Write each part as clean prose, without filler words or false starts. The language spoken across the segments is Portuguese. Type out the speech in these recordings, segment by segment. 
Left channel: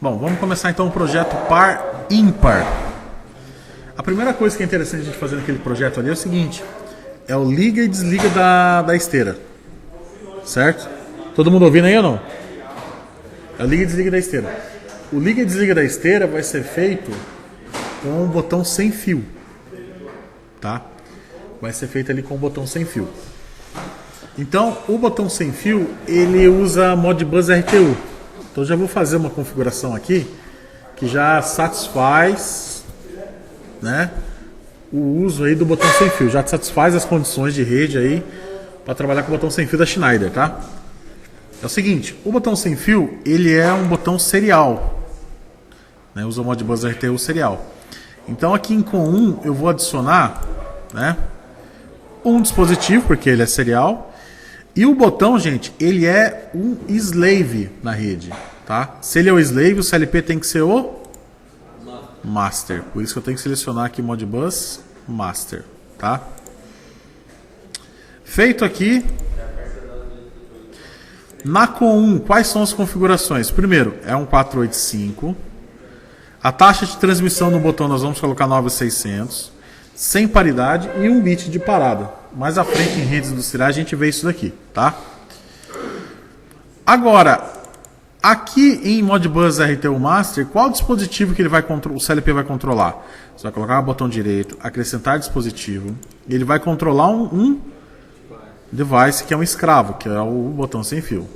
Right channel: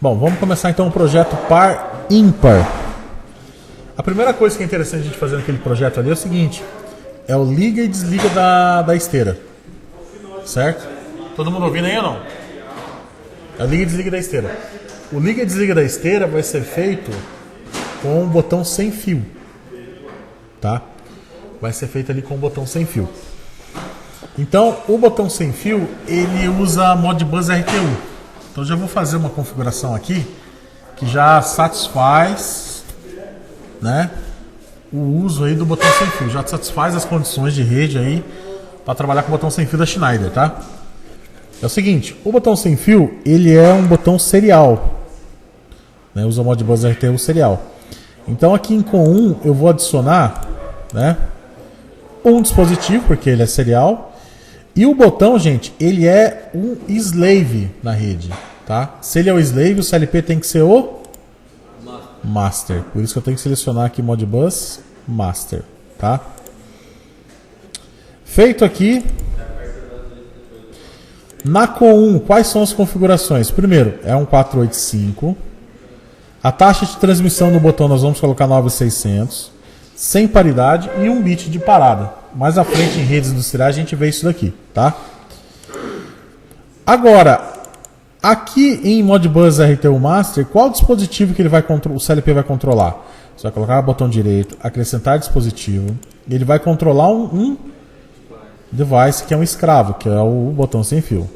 Bom, vamos começar então um projeto par ímpar. A primeira coisa que é interessante a gente fazer naquele projeto ali é o seguinte: é o liga e desliga da esteira. Certo? Todo mundo ouvindo aí ou não? É o liga e desliga da esteira. O liga e desliga da esteira vai ser feito com um botão sem fio. Tá? Vai ser feito ali com um botão sem fio. Então, o botão sem fio, ele usa Modbus RTU. Então, já vou fazer uma configuração aqui que já satisfaz, né, o uso aí do botão sem fio. Já satisfaz as condições de rede aí para trabalhar com o botão sem fio da Schneider, tá? É o seguinte, o botão sem fio, ele é um botão serial, né, usa o Modbus RTU serial. Então, aqui em COM1 eu vou adicionar, né, um dispositivo, porque ele é serial. E o botão, gente, ele é um slave na rede, tá? Se ele é o slave, o CLP tem que ser o master. Por isso que eu tenho que selecionar aqui Modbus master, tá? Feito aqui. Na COM1, quais são as configurações? Primeiro, é um 485. A taxa de transmissão no botão nós vamos colocar 9600. Sem paridade e 1 bit de parada. Mais à frente em redes industriais a gente vê isso daqui, tá? Agora, aqui em Modbus RTU Master, qual dispositivo que ele vai o CLP vai controlar? Você vai colocar o botão direito, acrescentar dispositivo, e ele vai controlar um device que é um escravo, que é o botão sem fio.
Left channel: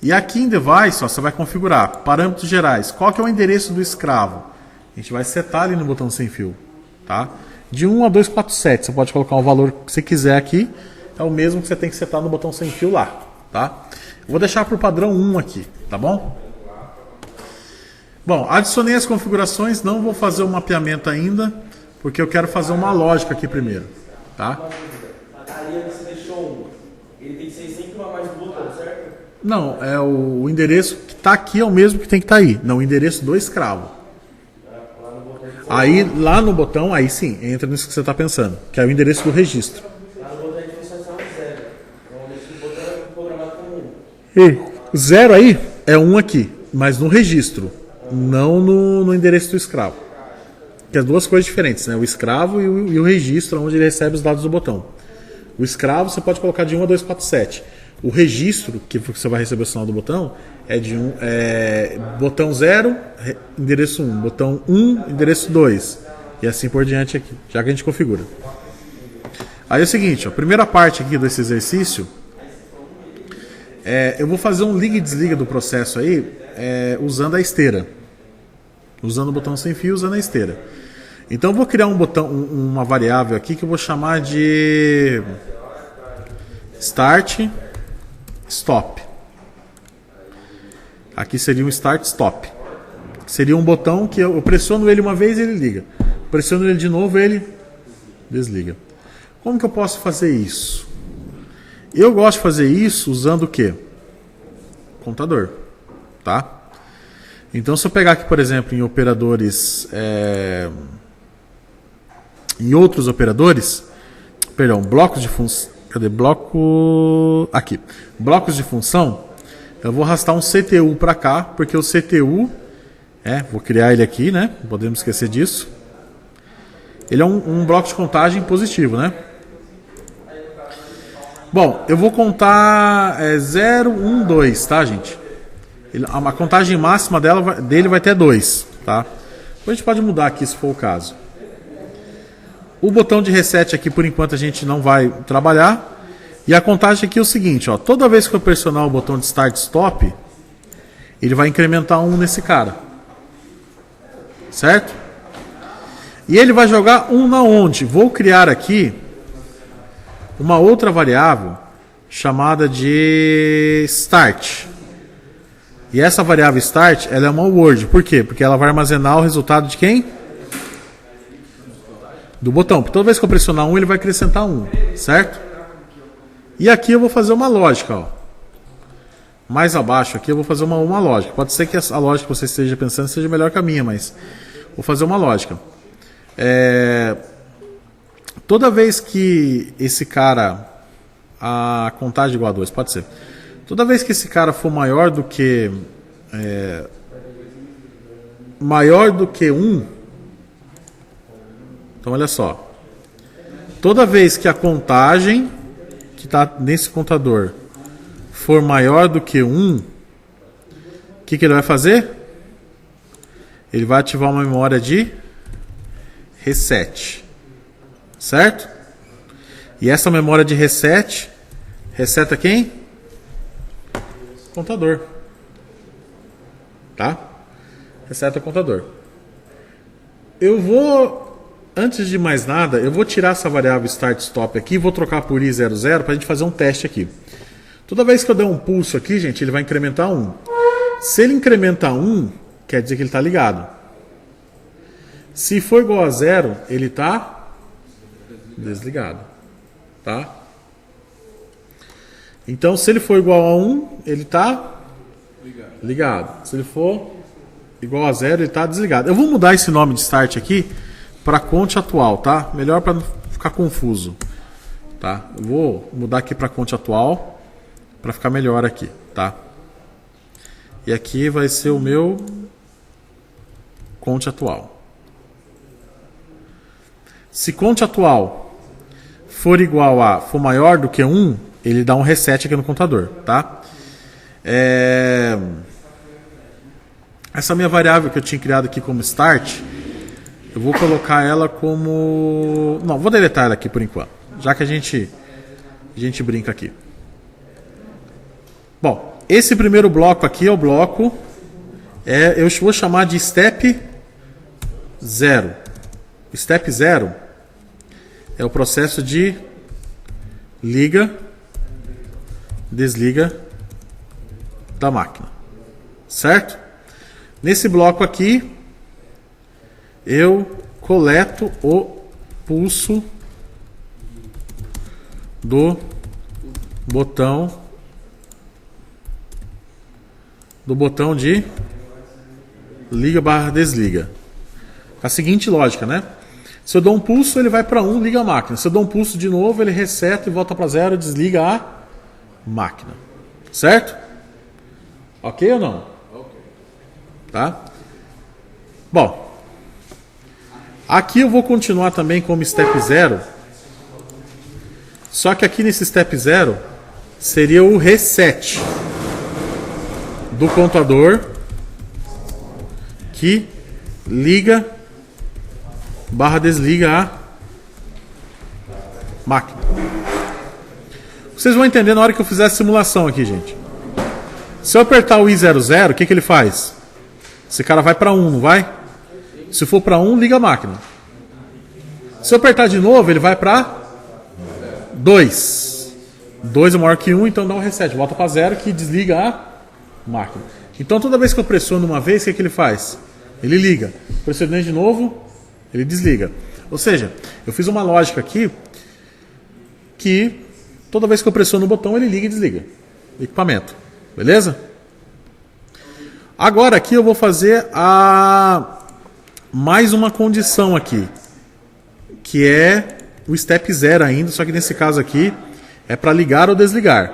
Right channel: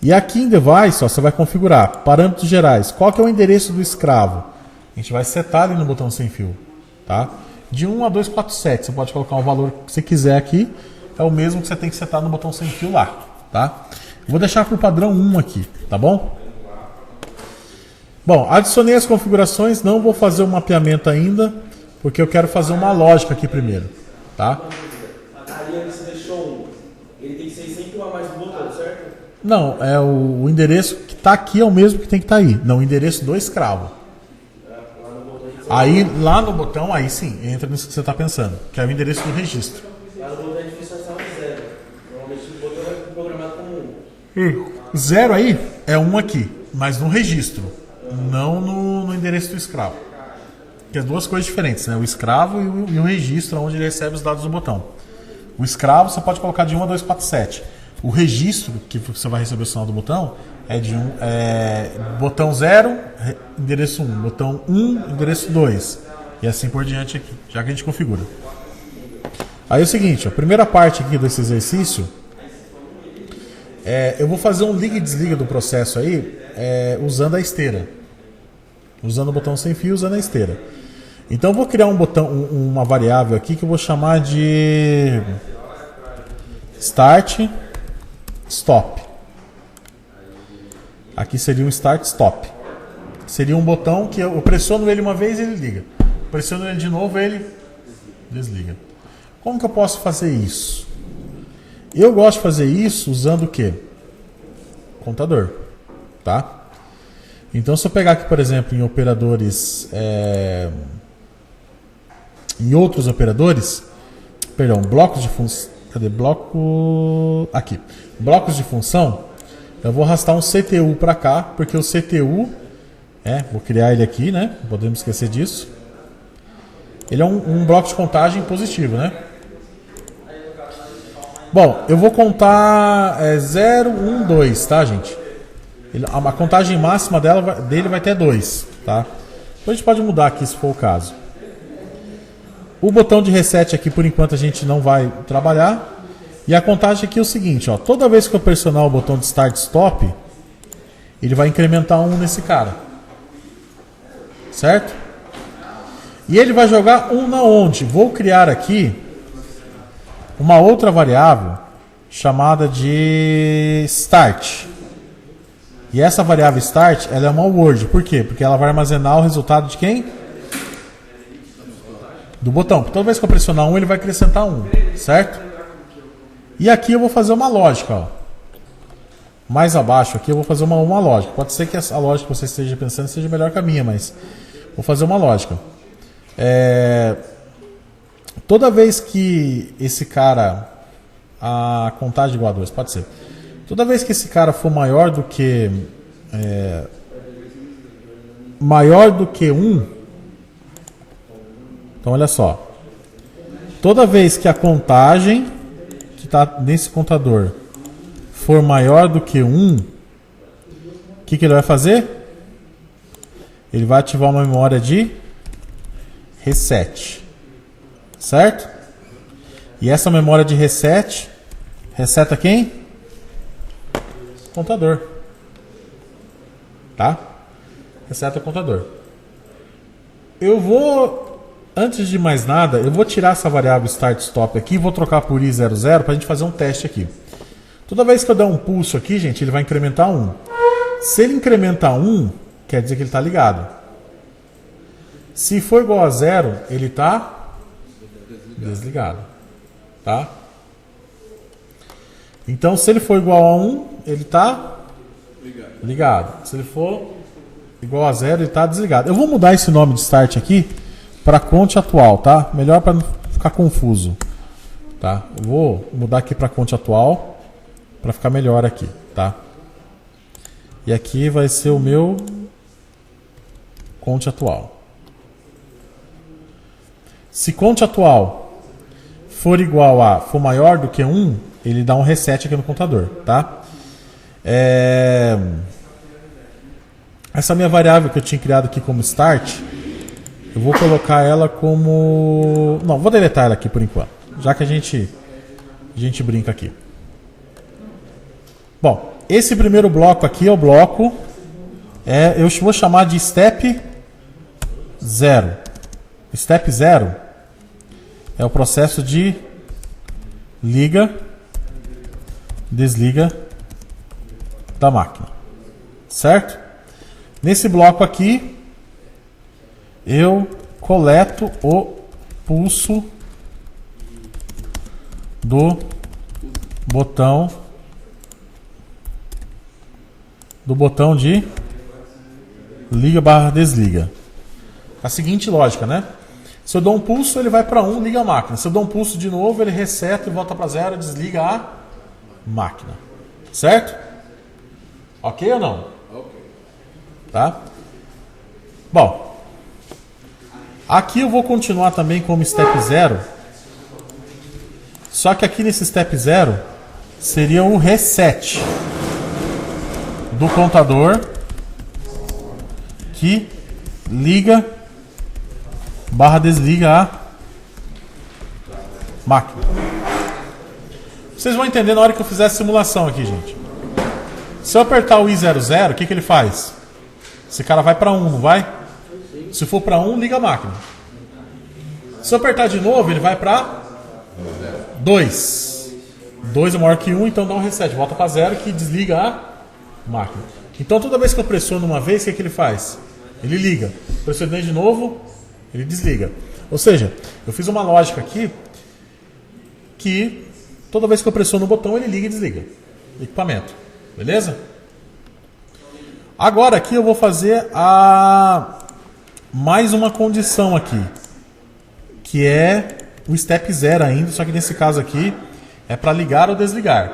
E aqui em device, ó, você vai configurar parâmetros gerais. Qual que é o endereço do escravo? A gente vai setar ali no botão sem fio, tá? De 1 a 247, você pode colocar o valor que você quiser aqui, é o mesmo que você tem que setar no botão sem fio lá, tá? Vou deixar para o padrão 1 aqui, tá bom? Bom, adicionei as configurações, não vou fazer o mapeamento ainda, porque eu quero fazer uma lógica aqui primeiro, tá? A linha que você deixou, ele tem que ser sempre uma mais do botão, certo? Não, é o endereço que está aqui é o mesmo que tem que estar aí, não o endereço do escravo. Aí, lá no botão, aí sim, entra nisso que você está pensando, que é o endereço do registro. Lá no botão a definição está 0. Normalmente o botão é programado como 1. E o 0 aí é 1 aqui, mas no registro, não no endereço do escravo. Que é duas coisas diferentes, né? O escravo e o registro, onde ele recebe os dados do botão. O escravo você pode colocar de 1 a 247. O registro, que você vai receber o sinal do botão, é de botão 0, endereço 1, botão 1, endereço 2. E assim por diante aqui, já que a gente configura. Aí é o seguinte, a primeira parte aqui desse exercício, eu vou fazer um liga e desliga do processo aí, usando a esteira. Usando o botão sem fio, usando a esteira. Então eu vou criar uma variável aqui que eu vou chamar de start stop. Aqui seria um start stop. Seria um botão que eu pressiono ele uma vez e ele liga. Pressiono ele de novo e ele desliga. Como que eu posso fazer isso? Eu gosto de fazer isso usando o quê? Contador, tá? Então se eu pegar aqui, por exemplo, em operadores, em outros operadores, perdão, blocos de função, cadê? Aqui, blocos de função. Eu vou arrastar um CTU para cá, porque o CTU, vou criar ele aqui, né? Não podemos esquecer disso. Ele é um bloco de contagem positivo, né? Bom, eu vou contar 0, 1, 2, tá, gente? A contagem máxima dele vai ter 2, tá? A gente pode mudar aqui se for o caso. O botão de reset aqui, por enquanto, a gente não vai trabalhar. E a contagem aqui é o seguinte, ó, toda vez que eu pressionar o botão de Start Stop, ele vai incrementar 1 nesse cara. Certo? E ele vai jogar 1 na onde? Vou criar aqui uma outra variável chamada de Start. E essa variável Start, ela é uma word. Por quê? Porque ela vai armazenar o resultado de quem? Do botão. Toda vez que eu pressionar 1, ele vai acrescentar 1. Certo? E aqui eu vou fazer uma lógica, ó. Mais abaixo aqui eu vou fazer uma lógica. Pode ser que a lógica que você esteja pensando seja melhor que a minha, mas vou fazer uma lógica. Toda vez que esse cara, a contagem igual a 2, pode ser. Toda vez que esse cara for maior do que maior do que 1, então olha só, toda vez que a contagem que está nesse contador for maior do que 1, o que ele vai fazer? Ele vai ativar uma memória de reset, certo? E essa memória de reset reseta quem? Contador, tá? Reseta o contador. Eu vou, antes de mais nada, eu vou tirar essa variável start stop aqui e vou trocar por i00 para a gente fazer um teste aqui. Toda vez que eu der um pulso aqui, gente, ele vai incrementar 1. Se ele incrementar 1, quer dizer que ele está ligado. Se for igual a 0, ele está desligado, tá? Então, se ele for igual a 1, ele está ligado. Se ele for igual a 0, ele está desligado. Eu vou mudar esse nome de start aqui para conte atual, tá? Melhor para não ficar confuso, tá? Vou mudar aqui para conte atual para ficar melhor aqui, tá? E aqui vai ser o meu conte atual. Se conte atual for igual a, for maior do que 1, ele dá um reset aqui no contador, tá? Essa minha variável que eu tinha criado aqui como start, eu vou colocar ela como... Não, vou deletar ela aqui por enquanto, já que a gente brinca aqui. Bom, esse primeiro bloco aqui é o bloco, eu vou chamar de step 0. Step 0 é o processo de liga, desliga da máquina, certo? Nesse bloco aqui, eu coleto o pulso do botão de liga/desliga. A seguinte lógica, né? Se eu dou um pulso, ele vai para 1, liga a máquina. Se eu dou um pulso de novo, ele reseta e volta para 0, desliga a máquina. Certo? Ok ou não? Ok. Tá? Bom, aqui eu vou continuar também como step 0. Só que aqui nesse step 0 seria o reset do contador que liga/desliga a máquina. Vocês vão entender na hora que eu fizer a simulação aqui, gente. Se eu apertar o i00, o que ele faz? Esse cara vai para 1, vai? Se for para 1, liga a máquina. Se eu apertar de novo, ele vai para 2. 2 é maior que 1, então dá um reset, volta para 0 que desliga a máquina. Então toda vez que eu pressiono uma vez, o que ele faz? Ele liga. Pressionei de novo, ele desliga. Ou seja, eu fiz uma lógica aqui que toda vez que eu pressiono o botão, ele liga e desliga equipamento. Beleza? Agora aqui eu vou fazer mais uma condição aqui, que é o step 0 ainda, só que nesse caso aqui é para ligar ou desligar.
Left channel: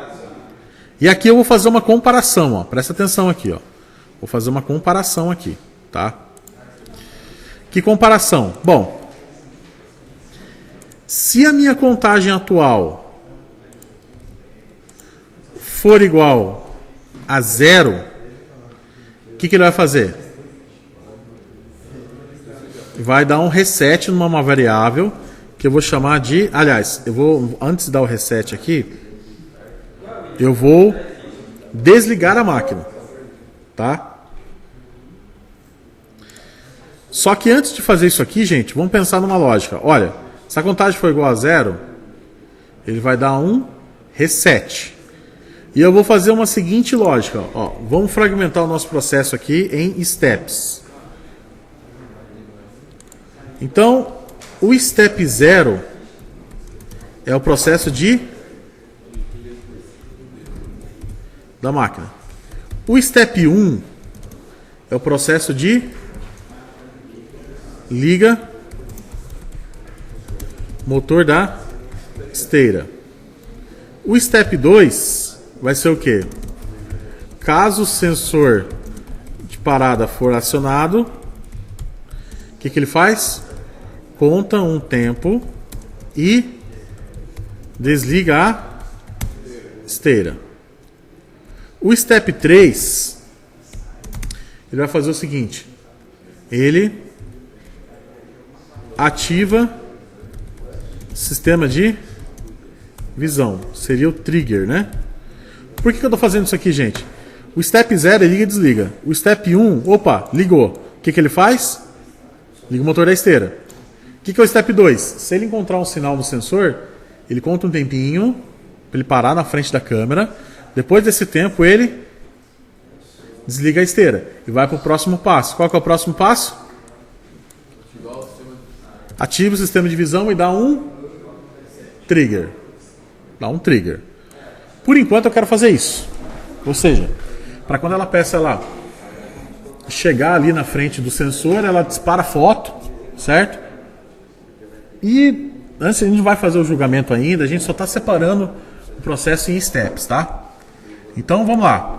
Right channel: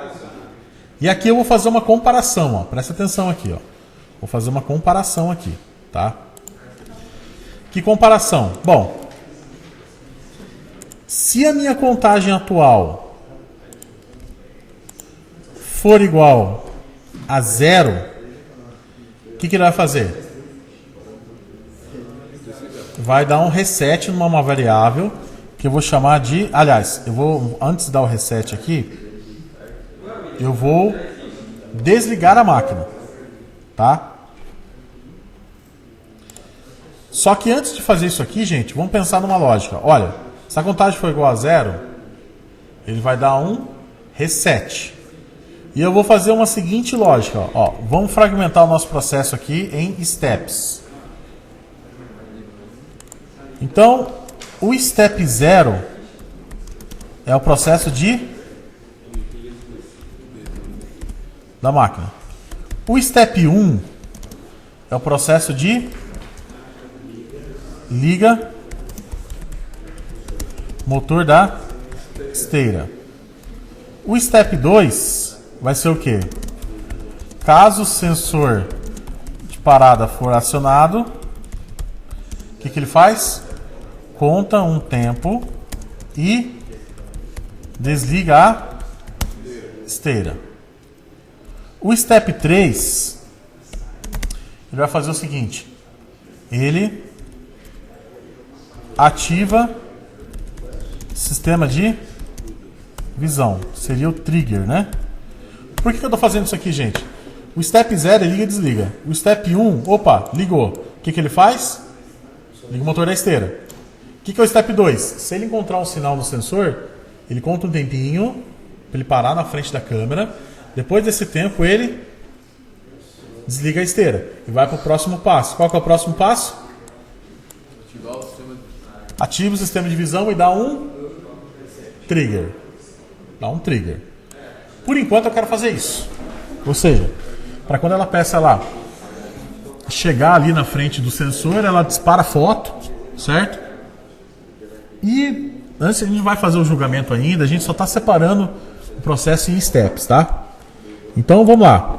E aqui eu vou fazer uma comparação, ó. Presta atenção aqui, ó. Vou fazer uma comparação aqui, tá? Que comparação? Bom, se a minha contagem atual for igual a 0, o que ele vai fazer? Vai dar um reset numa variável que eu vou chamar de... Aliás, eu vou, antes de dar o reset aqui, eu vou desligar a máquina, tá? Só que antes de fazer isso aqui, gente, vamos pensar numa lógica. Olha, se a contagem for igual a 0, ele vai dar um reset. E eu vou fazer uma seguinte lógica. Ó, vamos fragmentar o nosso processo aqui em steps. Então, o step 0 é o processo da máquina. O step 1 é o processo de liga motor da esteira. O step 2 vai ser o quê? Caso o sensor de parada for acionado, que ele faz? Conta um tempo e desliga a esteira. O step 3, ele vai fazer o seguinte. Ele ativa sistema de visão. Seria o trigger, né? Por que eu estou fazendo isso aqui, gente? O step 0 ele liga e desliga. O step 1, opa, ligou. O que ele faz? Liga o motor da esteira. O que é o step 2? Se ele encontrar um sinal no sensor, ele conta um tempinho para ele parar na frente da câmera. Depois desse tempo, ele desliga a esteira e vai para o próximo passo. Qual que é o próximo passo? Ativa o sistema de visão e dá um trigger. Dá um trigger. Por enquanto eu quero fazer isso. Ou seja, para quando ela peça lá chegar ali na frente do sensor, ela dispara a foto, certo? E antes a gente vai fazer o julgamento ainda, a gente só está separando o processo em steps, tá? Então vamos lá.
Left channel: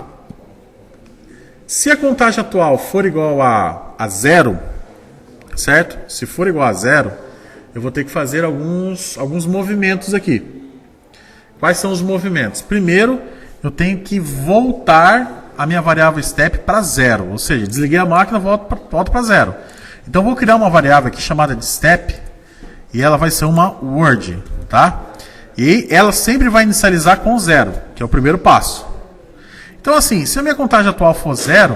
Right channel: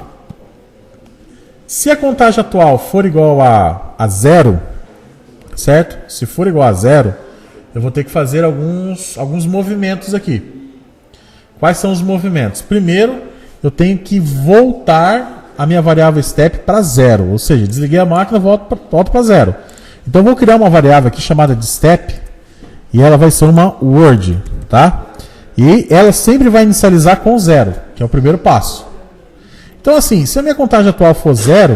Se a contagem atual for igual a 0, certo? Se for igual a 0, eu vou ter que fazer alguns movimentos aqui. Quais são os movimentos? Primeiro, eu tenho que voltar a minha variável step para 0. Ou seja, desliguei a máquina, volto para 0. Então, eu vou criar uma variável aqui chamada de step. E ela vai ser uma word, tá? E ela sempre vai inicializar com 0, que é o primeiro passo. Então, assim, se a minha contagem atual for 0,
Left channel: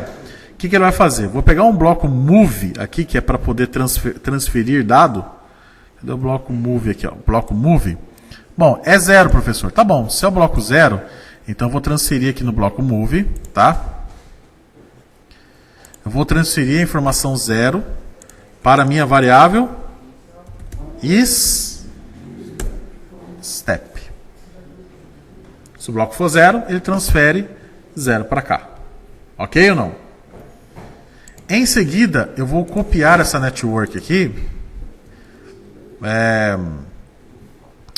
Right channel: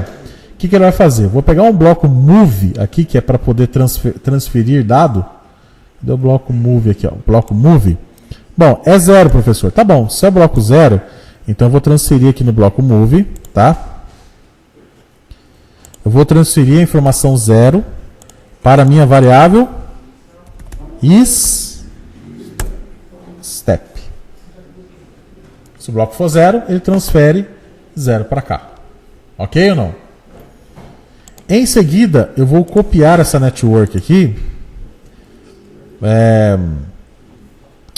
o que ele vai fazer? Vou pegar um bloco move aqui, que é para poder transferir dado. Cadê o bloco move aqui, ó? Bloco move. Bom, é 0, professor. Tá bom, se é o bloco 0, então eu vou transferir aqui no bloco move, tá? Eu vou transferir a informação 0 para a minha variável isStep. Se o bloco for 0, ele transfere 0 para cá. Ok ou não? Em seguida, eu vou copiar essa network aqui.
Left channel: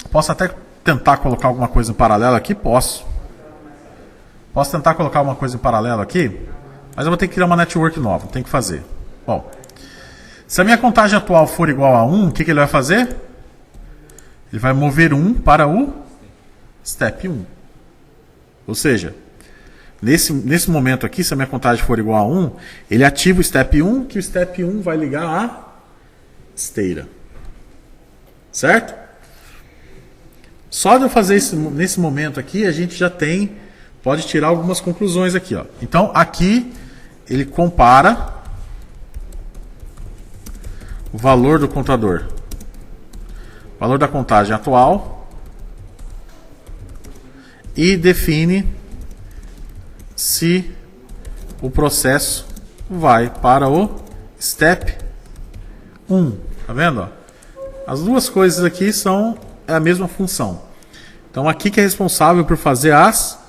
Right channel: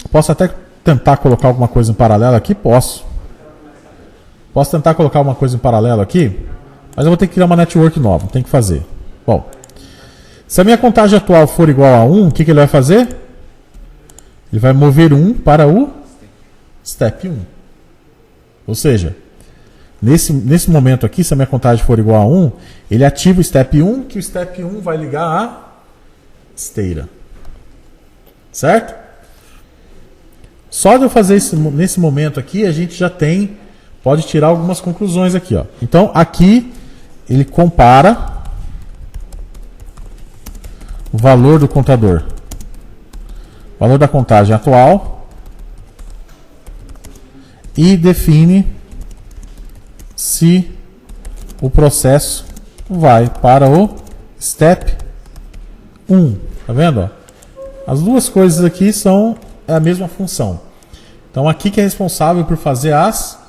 Posso até tentar colocar alguma coisa em paralelo aqui? Posso. Posso tentar colocar alguma coisa em paralelo aqui? Mas eu vou ter que criar uma network nova. Tem que fazer. Bom, se a minha contagem atual for igual a 1, o que ele vai fazer? Ele vai mover 1 para o step 1. Ou seja, nesse momento aqui, se a minha contagem for igual a 1, ele ativa o step 1, que o step 1 vai ligar a esteira. Certo? Só de eu fazer isso nesse momento aqui, a gente já pode tirar algumas conclusões aqui, ó. Então, aqui, ele compara o valor do contador, o valor da contagem atual, e define se o processo vai para o step 1. Tá vendo? Ó? As duas coisas aqui são a mesma função. Então, aqui que é responsável por fazer as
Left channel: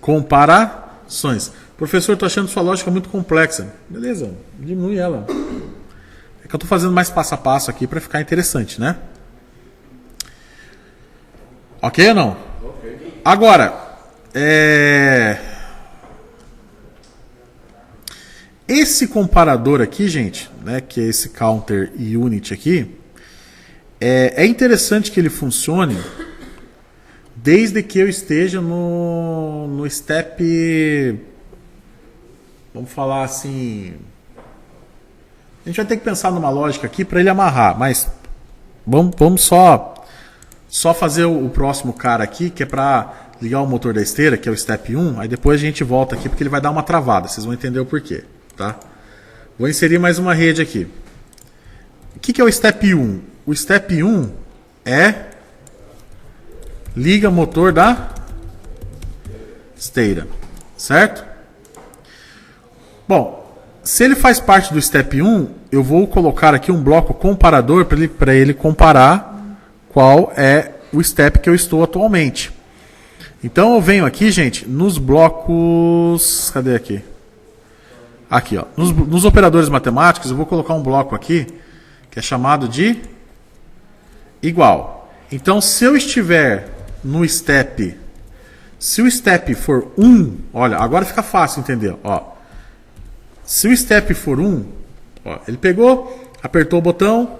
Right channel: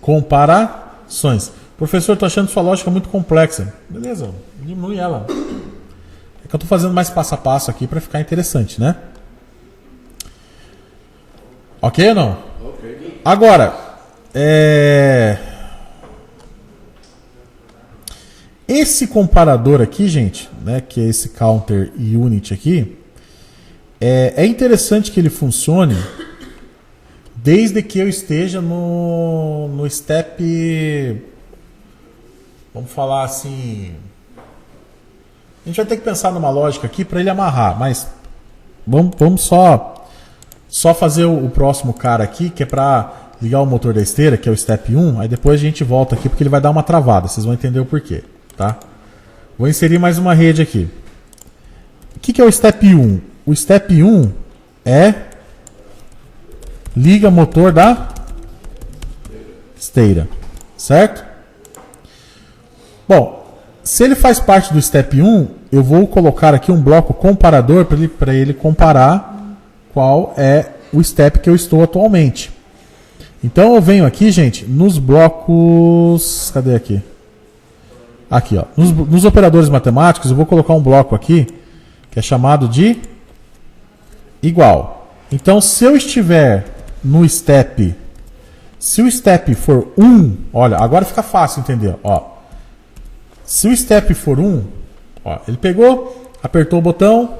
comparações. Professor, estou achando sua lógica muito complexa. Beleza, diminui ela. É que eu estou fazendo mais passo a passo aqui para ficar interessante, né? Ok ou não? Ok. Agora, esse comparador aqui, gente, né, que é esse counter unit aqui, é interessante que ele funcione desde que eu esteja no step, vamos falar assim, a gente vai ter que pensar numa lógica aqui para ele amarrar, mas vamos só fazer o próximo cara aqui, que é para ligar o motor da esteira, que é o step 1, aí depois a gente volta aqui porque ele vai dar uma travada, vocês vão entender o porquê, tá? Vou inserir mais uma rede aqui. O que é o step 1? O step 1 é liga motor da esteira, certo? Bom, se ele faz parte do step 1, eu vou colocar aqui um bloco comparador para ele comparar qual é o step que eu estou atualmente. Então eu venho aqui, gente, nos blocos... Cadê aqui? Aqui, ó. Nos operadores matemáticos, eu vou colocar um bloco aqui que é chamado de igual. Então, se eu estiver no step, se o step for 1, olha, agora fica fácil entender, ó. Se o step for 1, ó, ele pegou, apertou o botão,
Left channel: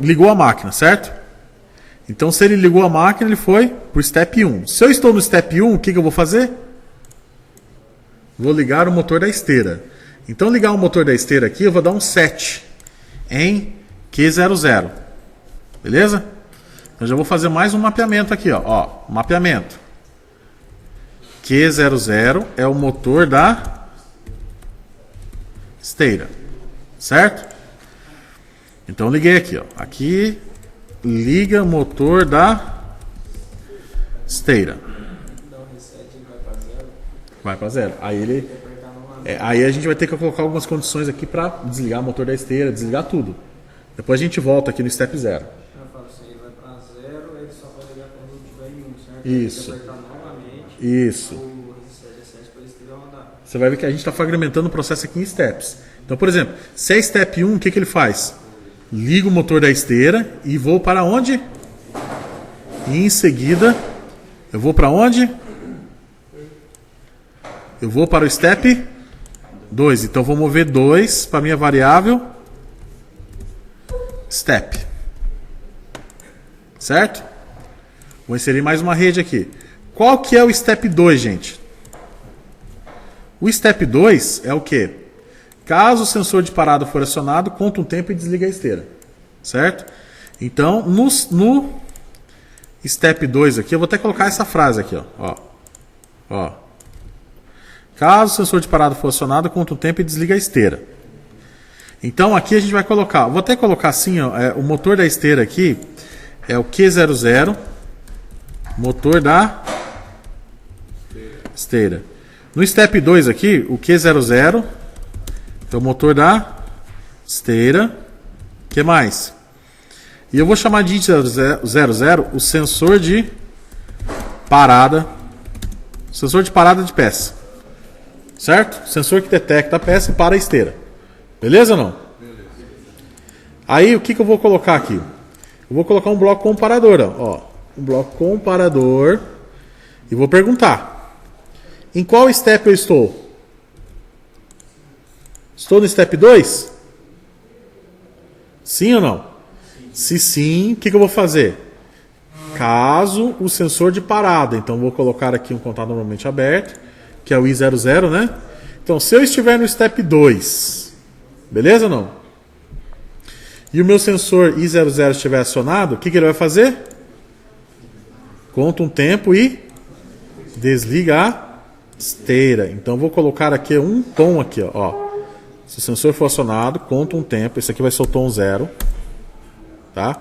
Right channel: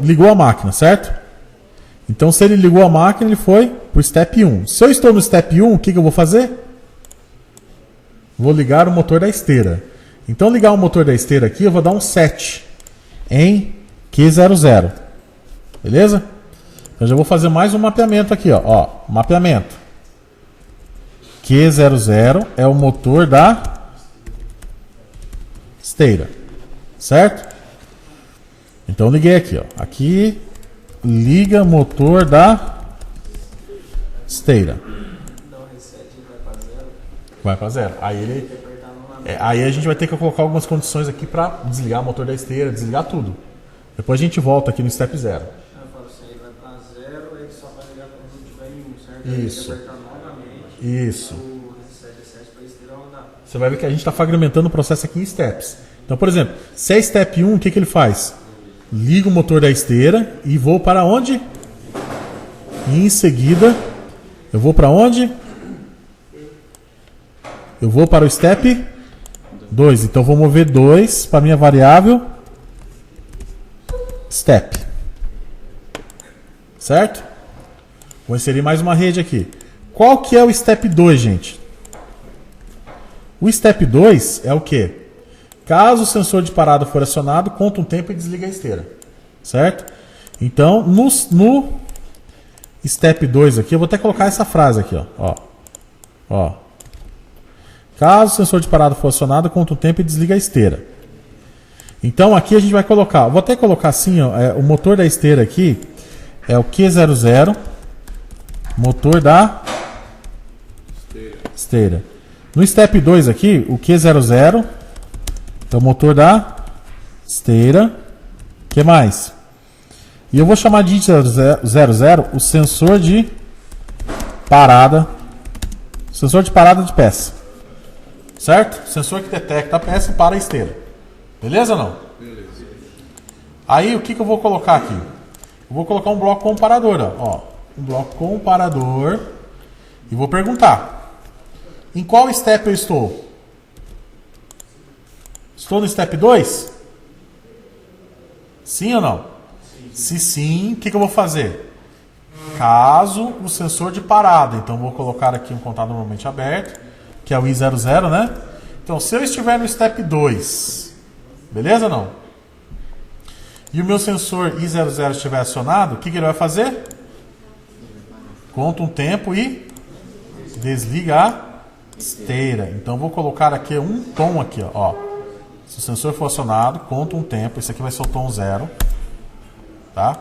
ligou a máquina, certo? Então, se ele ligou a máquina, ele foi para o Step 1. Se eu estou no Step 1, o que eu vou fazer? Vou ligar o motor da esteira. Então, ligar o motor da esteira aqui, eu vou dar um set em Q00. Beleza? Então, já vou fazer mais um mapeamento aqui, ó. Mapeamento. Q00 é o motor da esteira. Certo? Então, eu liguei aqui, ó. Aqui, liga o motor da esteira. Vai para zero. Aí a gente vai ter que colocar algumas condições aqui para desligar o motor da esteira, desligar tudo. Depois a gente volta aqui no Step 0. Eu falo assim, ele vai para 0, ele só vai ligar quando tiver em 1, certo? Isso. Ele vai apertar novamente Isso. o resistor de excesso para a esteira rodar. Você vai ver que a gente está fragmentando o processo aqui em steps. Então, por exemplo, se é Step 1, o que ele faz? Liga o motor da esteira e vou para onde? E em seguida, eu vou para onde? Eu vou para o Step 2. Então, vou mover 2 para a minha variável Step. Certo? Vou inserir mais uma rede aqui. Qual que é o Step 2, gente? O Step 2 é o quê? Caso o sensor de parada for acionado, conta um tempo e desliga a esteira. Certo? Então, no Step 2 aqui, eu vou até colocar essa frase aqui. Ó. Caso o sensor de parada for acionado, conta um tempo e desliga a esteira. Então, aqui a gente vai colocar... Vou até colocar assim, ó, o motor da esteira aqui é o Q00, motor da esteira. No Step 2 aqui, o Q00... é o motor da esteira. O que mais? E eu vou chamar de 00 o sensor de parada. Sensor de parada de peça. Certo? Sensor que detecta a peça e para a esteira. Beleza ou não? Beleza. Aí o que eu vou colocar aqui? Eu vou colocar um bloco comparador. Ó. Um bloco comparador. E vou perguntar: em qual step eu estou? Estou no Step 2? Sim ou não? Sim. Se sim, o que eu vou fazer? Caso o sensor de parada. Então, vou colocar aqui um contato normalmente aberto, que é o I00, né? Então, se eu estiver no Step 2, beleza ou não? E o meu sensor I00 estiver acionado, o que ele vai fazer? Conta um tempo e desliga a esteira. Então, vou colocar aqui um tom aqui, ó. Se o sensor for acionado, conta um tempo. Esse aqui vai ser o tom 0. Tá?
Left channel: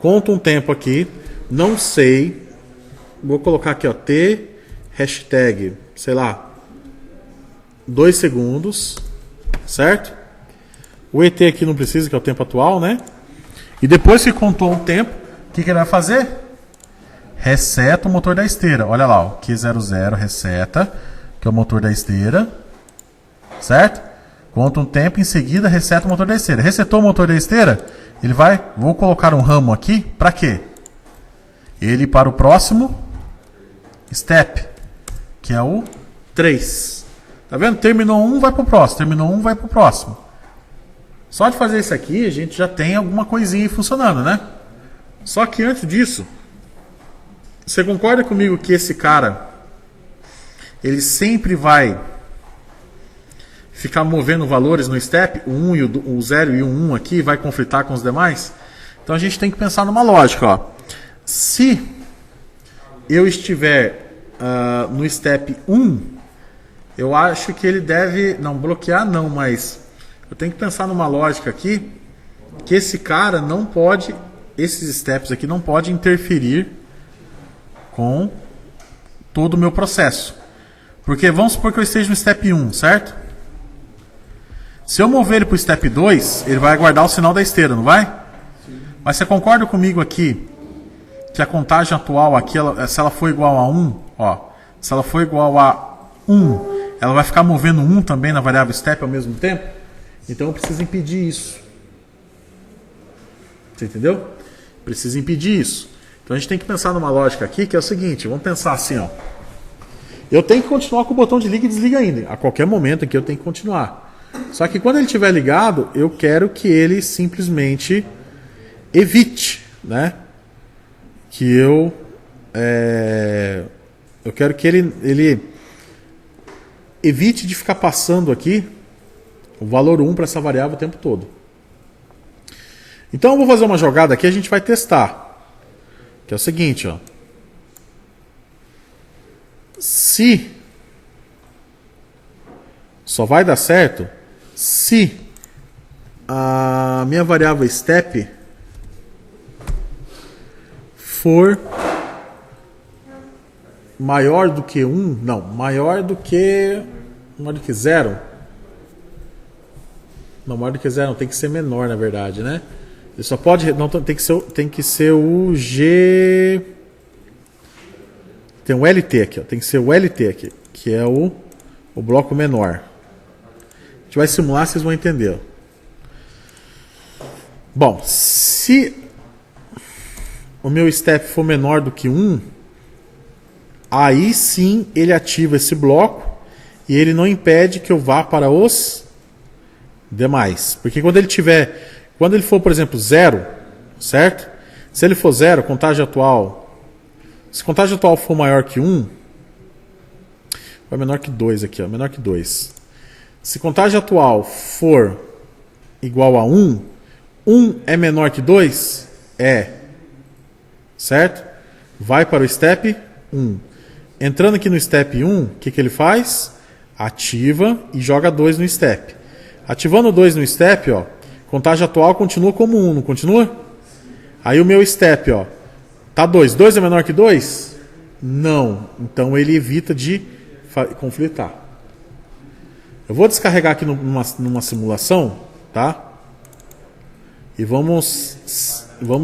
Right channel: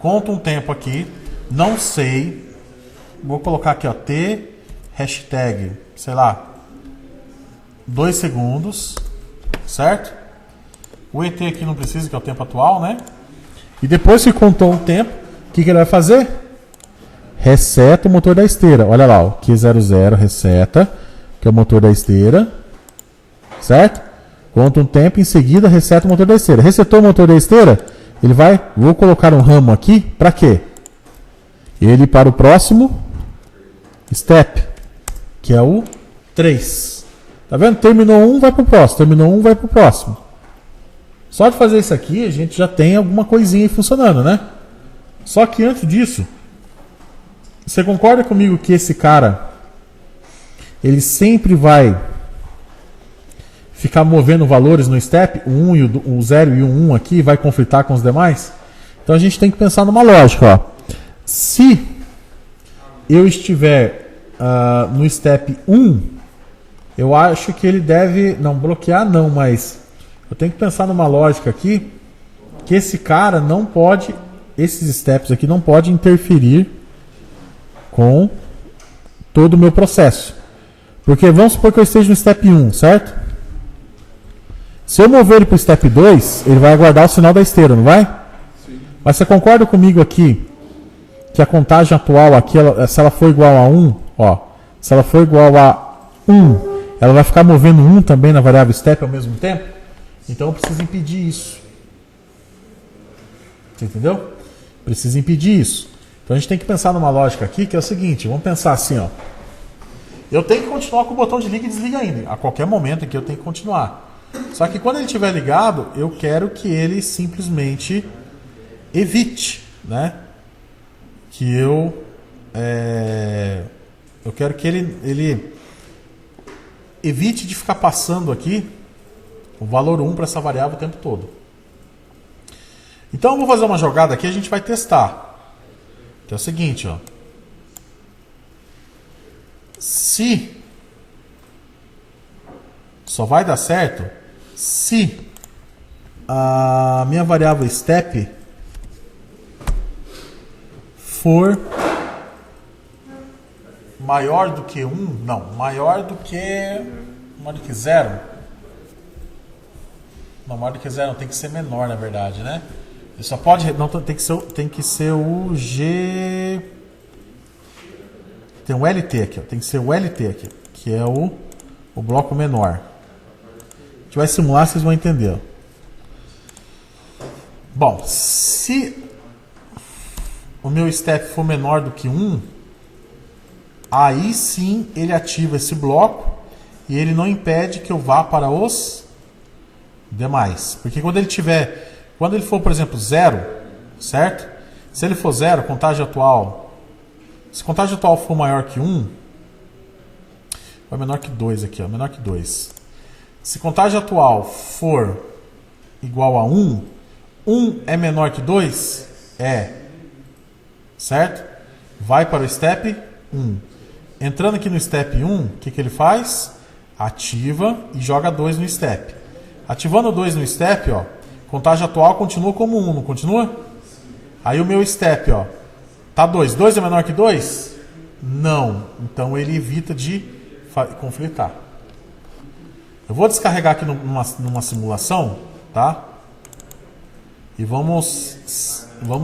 Conta um tempo aqui. Não sei. Vou colocar aqui, ó. T, hashtag, sei lá, 2 segundos. Certo? O ET aqui não precisa, que é o tempo atual, né? E depois que contou um tempo, o que ele vai fazer? Reseta o motor da esteira. Olha lá, ó. Q00 reseta, que é o motor da esteira. Certo? Conta um tempo, em seguida reseta o motor da esteira. Resetou o motor da esteira, ele vai... Vou colocar um ramo aqui, para quê? Ele para o próximo step, que é o 3. Tá vendo? Terminou um, vai para o próximo. Terminou um, vai para o próximo. Só de fazer isso aqui, a gente já tem alguma coisinha aí funcionando, né? Só que antes disso, você concorda comigo que esse cara, ele sempre vai ficar movendo valores no step, o 0 e o 1 aqui, vai conflitar com os demais? Então a gente tem que pensar numa lógica, ó. Se eu estiver no step 1, eu acho que ele deve, não bloquear não, mas eu tenho que pensar numa lógica aqui, que esse cara não pode, esses steps aqui não pode interferir com todo o meu processo. Porque vamos supor que eu esteja no step 1, certo? Se eu mover ele para o Step 2, ele vai guardar o sinal da esteira, não vai? Sim. Mas você concorda comigo aqui que a contagem atual aqui, se ela for igual a 1, ó, se ela for igual a 1, ela vai ficar movendo 1 também na variável Step ao mesmo tempo? Então eu preciso impedir isso. Você entendeu? Preciso impedir isso. Então a gente tem que pensar numa lógica aqui que é o seguinte, vamos pensar assim, ó. Eu tenho que continuar com o botão de liga e desliga ainda. A qualquer momento aqui eu tenho que continuar. Só que quando ele estiver ligado, eu quero que ele simplesmente evite, né? Que eu quero que ele evite de ficar passando aqui o valor 1 para essa variável o tempo todo. Então eu vou fazer uma jogada aqui e a gente vai testar. Que é o seguinte, ó. Se só vai dar certo se a minha variável step for maior do que 1, não, maior do que 0. Não, maior do que 0 não, tem que ser menor, na verdade, né? Ele só pode, não, tem que ser o G, tem o LT aqui, ó, tem que ser o LT aqui, que é o bloco menor. A gente vai simular, vocês vão entender, ó. Bom, se o meu step for menor do que 1, aí sim ele ativa esse bloco e ele não impede que eu vá para os demais. Porque quando ele for, por exemplo, 0, certo? Se ele for 0, contagem atual. Se a contagem atual for maior que 1, vai menor que 2 aqui, ó, menor que 2. Se contagem atual for igual a 1, 1 é menor que 2? É. Certo? Vai para o step 1. Entrando aqui no step 1, o que ele faz? Ativa e joga 2 no step. Ativando 2 no step, ó, contagem atual continua como 1, não continua? Aí o meu step, ó, tá 2. 2 é menor que 2? Não. Então ele evita de conflitar. Eu vou descarregar aqui numa simulação, tá? E vamos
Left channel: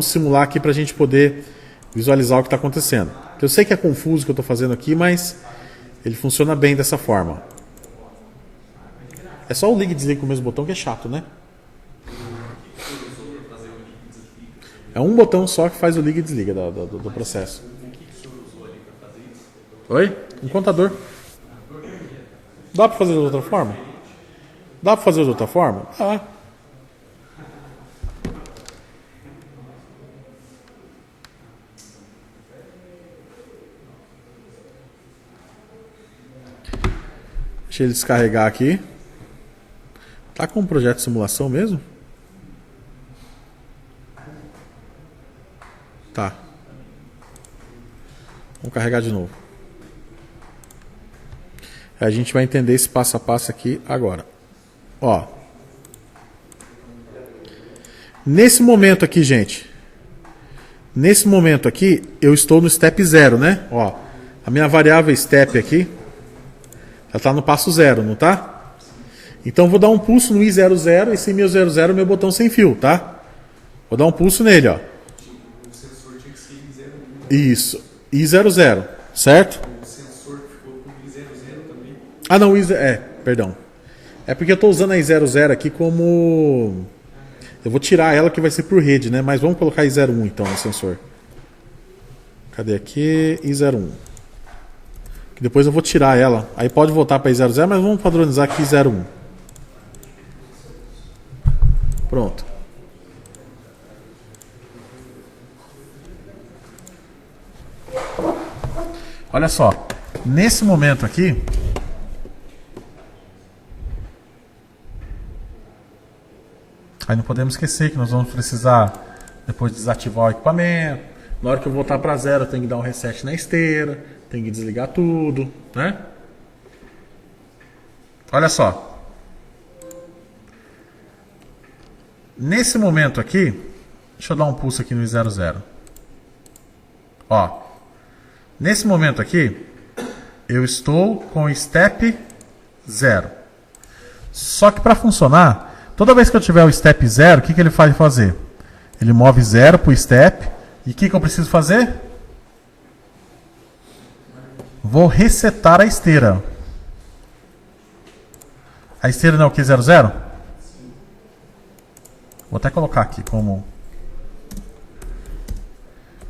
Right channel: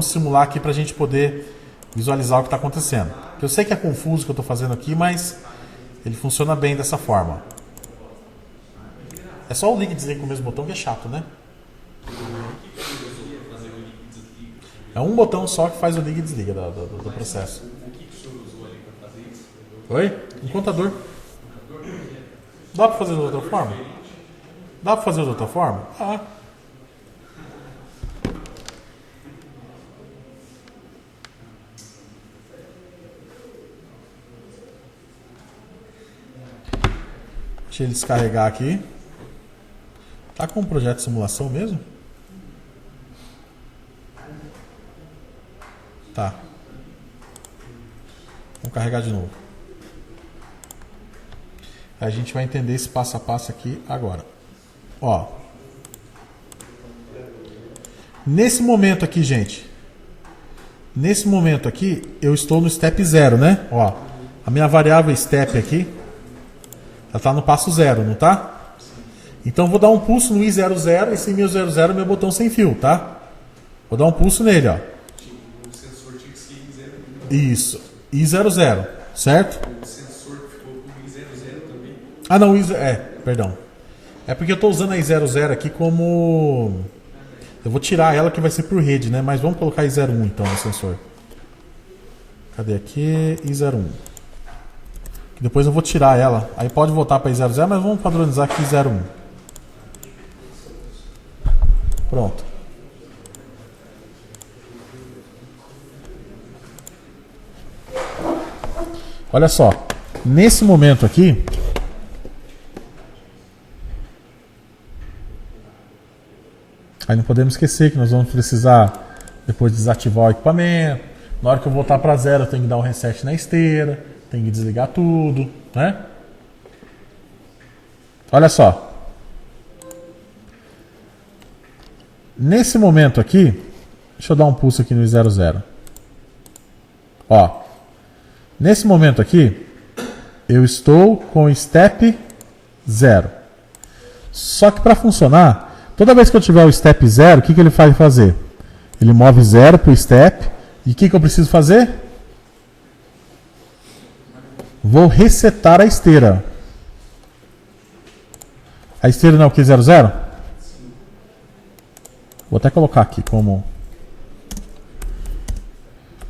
simular aqui para a gente poder visualizar o que está acontecendo. Eu sei que é confuso o que eu estou fazendo aqui, mas ele funciona bem dessa forma. É só o liga e desliga com o mesmo botão que é chato, né? É um botão só que faz o liga e desliga do processo. Oi? Um contador. Dá para fazer de outra forma? Dá para fazer de outra forma? Ah. Deixa ele descarregar aqui. Tá com um projeto de simulação mesmo? Tá. Vamos carregar de novo. A gente vai entender esse passo a passo aqui agora. Ó. Nesse momento aqui, gente. Nesse momento aqui, eu estou no step 0, né? Ó. A minha variável step aqui, ela está no passo 0, não tá? Então vou dar um pulso no I00, esse meu 00 é o meu botão sem fio, tá? Vou dar um pulso nele, ó. O sensor tinha que ser I00. Isso, I00, certo? O sensor ficou com I00 também. Ah não, perdão. É porque eu estou usando a I00 aqui como... Eu vou tirar ela que vai ser por rede, né? Mas vamos colocar I01 então no sensor. Cadê aqui? I01. Depois eu vou tirar ela. Aí pode voltar para I00, mas vamos padronizar aqui I01. Pronto. Olha só. Nesse momento aqui, aí não podemos esquecer que nós vamos precisar depois desativar o equipamento. Na hora que eu voltar para 0, eu tenho que dar um reset na esteira, tenho que desligar tudo, né? Olha só. Nesse momento aqui, deixa eu dar um pulso aqui no I00. Ó. Nesse momento aqui, eu estou com o step 0. Só que para funcionar, toda vez que eu tiver o step 0, o que ele vai fazer? Ele move 0 para o step. E o que eu preciso fazer? Vou resetar a esteira. A esteira não é o Q00? Vou até colocar aqui como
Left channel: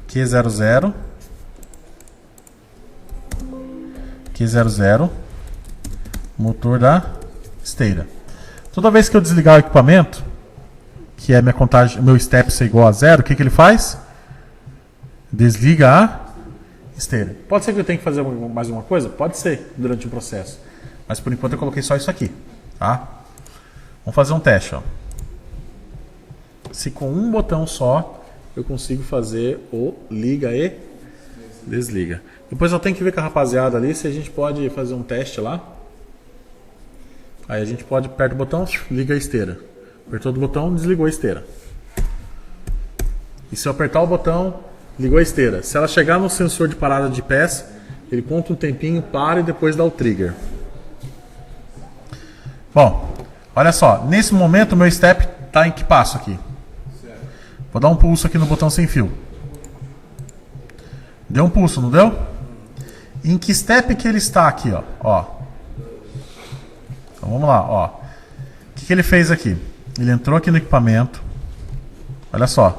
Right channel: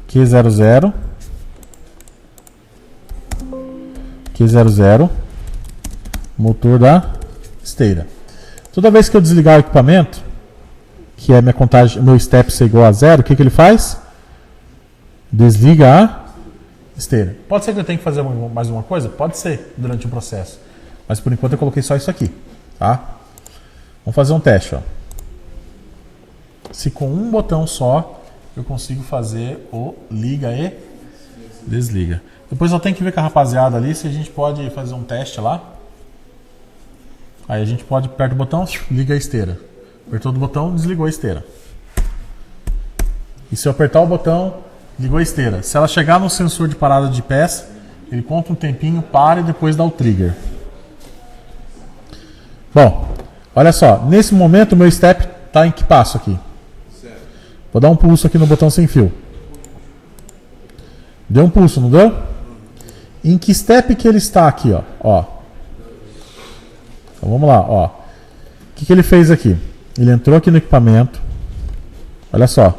Q00. Q00. Motor da esteira. Toda vez que eu desligar o equipamento, que é minha contagem, meu step ser igual a 0, o que ele faz? Desliga a esteira. Pode ser que eu tenha que fazer mais uma coisa? Pode ser, durante o processo. Mas por enquanto eu coloquei só isso aqui. Tá? Vamos fazer um teste. Ó. Se com um botão só eu consigo fazer o liga e desliga. Depois eu tenho que ver com a rapaziada ali se a gente pode fazer um teste lá. Aí a gente pode, aperta o botão, liga a esteira. Apertou o botão, desligou a esteira. E se eu apertar o botão, ligou a esteira. Se ela chegar no sensor de parada de pés, ele conta um tempinho, para e depois dá o trigger. Bom, olha só. Nesse momento o meu step está em que passo aqui? Vou dar um pulso aqui no botão sem fio. Deu um pulso, não deu? Em que step que ele está aqui, ó? Então vamos lá, ó. O que ele fez aqui? Ele entrou aqui no equipamento. Olha só.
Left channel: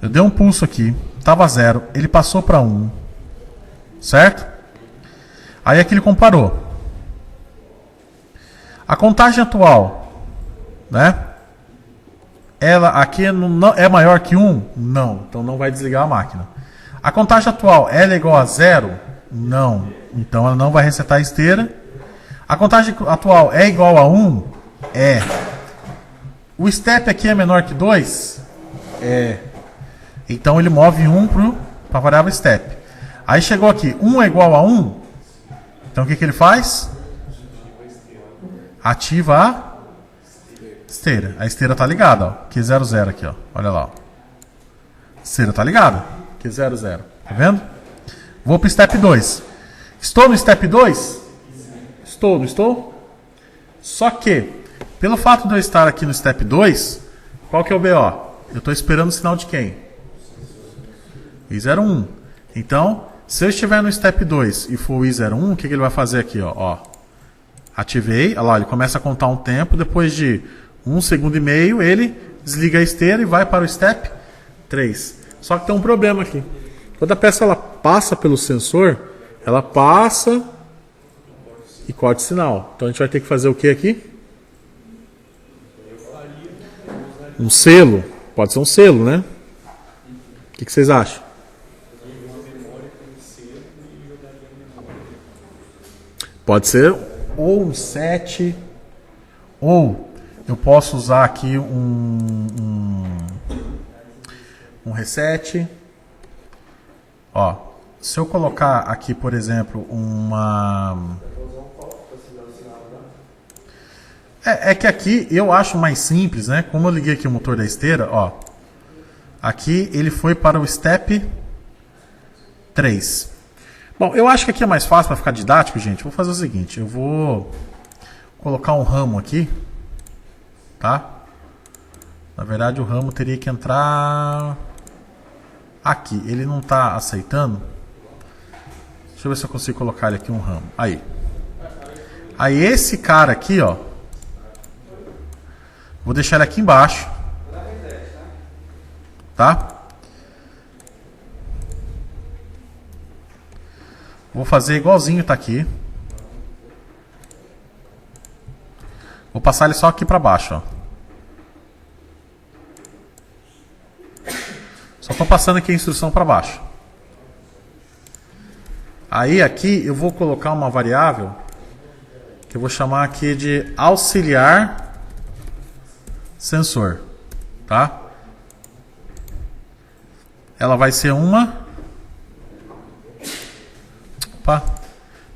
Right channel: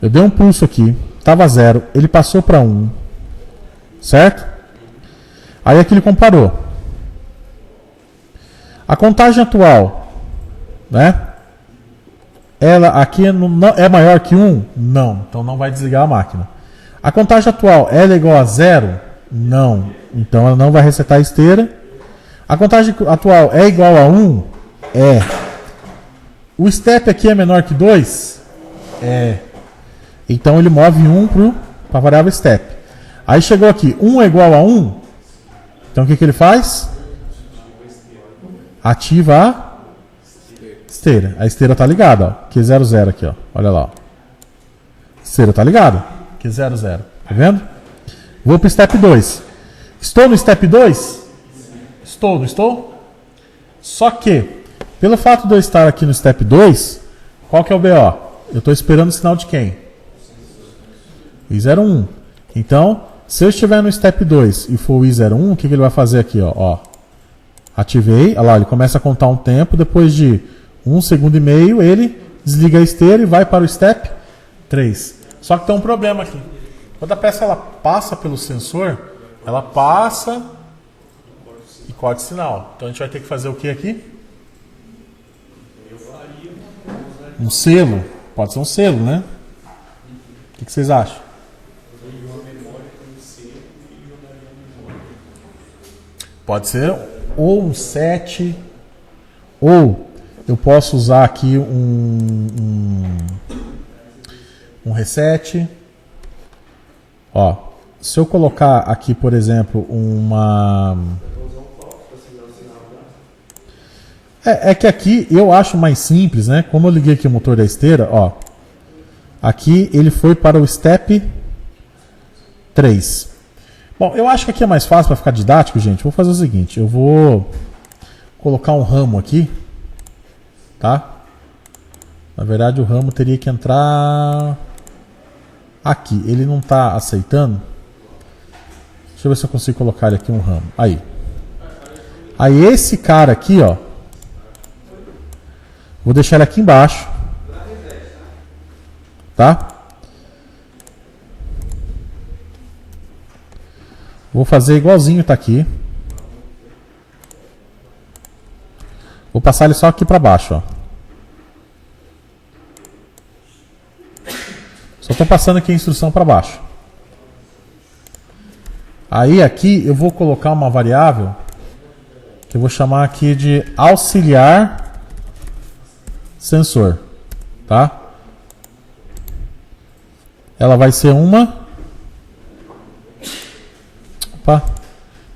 Eu dei um pulso aqui, estava 0, ele passou para 1. Certo? Aí aqui ele comparou. A contagem atual, né? Ela aqui não, é maior que 1? Não. Então não vai desligar a máquina. A contagem atual, ela é igual a 0? Não. Então ela não vai resetar a esteira. A contagem atual é igual a 1? É. O step aqui é menor que 2? É. Então ele move 1 para a variável step. Aí chegou aqui, 1 é igual a 1? Então o que ele faz? Ativa a esteira. A esteira está ligada, ó. Q00 aqui, ó. Olha lá, ó. A esteira está ligada. Q00. Tá vendo? Vou para o step 2. Estou no step 2? Estou, não estou? Só que, pelo fato de eu estar aqui no step 2, qual que é o BO? Eu estou esperando o sinal de quem? I01. Então, se eu estiver no step 2 e for o I01, o que ele vai fazer aqui? Ó? Ativei, olha lá, ele começa a contar um tempo, depois de 1,5 segundos, ele desliga a esteira e vai para o step 3. Só que tem um problema aqui. Quando a peça ela passa pelo sensor, ela passa e corta o sinal. Então a gente vai ter que fazer o que aqui? Um selo. Pode ser um selo, né? O que vocês acham? Pode ser ou um set, ou eu posso usar aqui um reset. Ó, se eu colocar aqui, por exemplo, É que aqui eu acho mais simples, né? Como eu liguei aqui o motor da esteira, ó. Aqui ele foi para o step 3. Bom, eu acho que aqui é mais fácil para ficar didático, gente. Vou fazer o seguinte, eu vou colocar um ramo aqui, tá? Na verdade o ramo teria que entrar aqui. Ele não está aceitando. Deixa eu ver se eu consigo colocar aqui um ramo. Aí. Aí esse cara aqui, ó. Vou deixar ele aqui embaixo. Tá? Vou fazer igualzinho tá aqui. Vou passar ele só aqui para baixo, ó. Só estou passando aqui a instrução para baixo. Aí aqui eu vou colocar uma variável que eu vou chamar aqui de auxiliar sensor, tá? Ela vai ser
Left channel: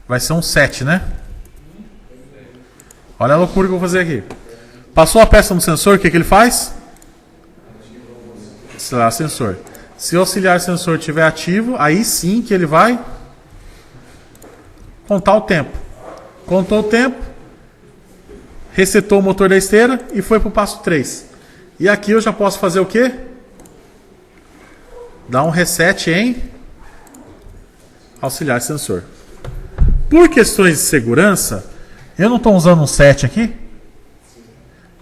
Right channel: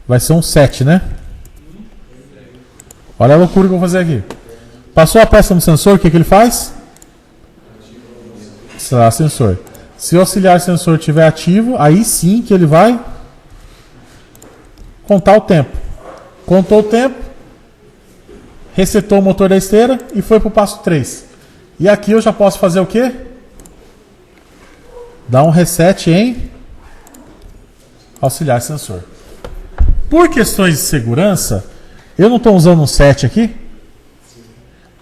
vai ser um set, né? Olha a loucura que eu vou fazer aqui. Passou a peça no sensor, o que ele faz? Auxiliar sensor. Se o auxiliar sensor estiver ativo, aí sim que ele vai contar o tempo. Contou o tempo, resetou o motor da esteira e foi para o passo 3. E aqui eu já posso fazer o quê? Dar um reset em auxiliar sensor. Por questões de segurança, eu não estou usando um set aqui.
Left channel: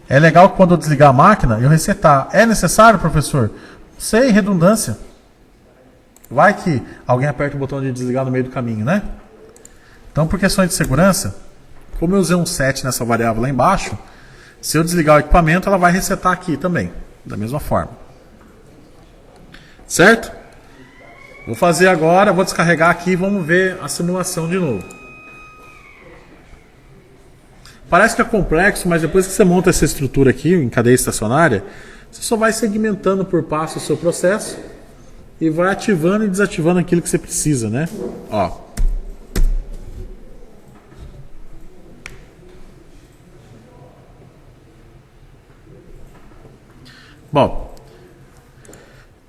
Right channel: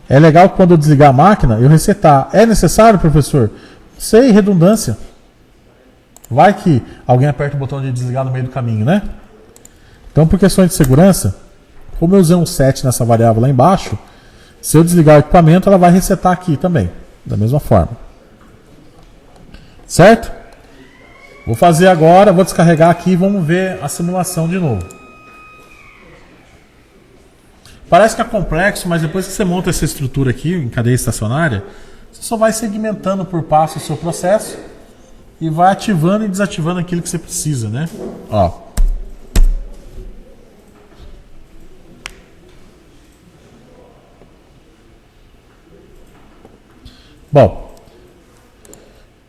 É legal que quando eu desligar a máquina, eu resetar. É necessário, professor? Não sei, redundância. Vai que alguém aperta o botão de desligar no meio do caminho, né? Então, por questões de segurança, como eu usei um set nessa variável lá embaixo, se eu desligar o equipamento, ela vai resetar aqui também, da mesma forma. Certo? Vou fazer agora, vou descarregar aqui e vamos ver a simulação de novo. Parece que é complexo, mas depois que você monta essa estrutura aqui em cadeia estacionária, você só vai segmentando por passo o seu processo e vai ativando e desativando aquilo que você precisa, né? Ó. Bom,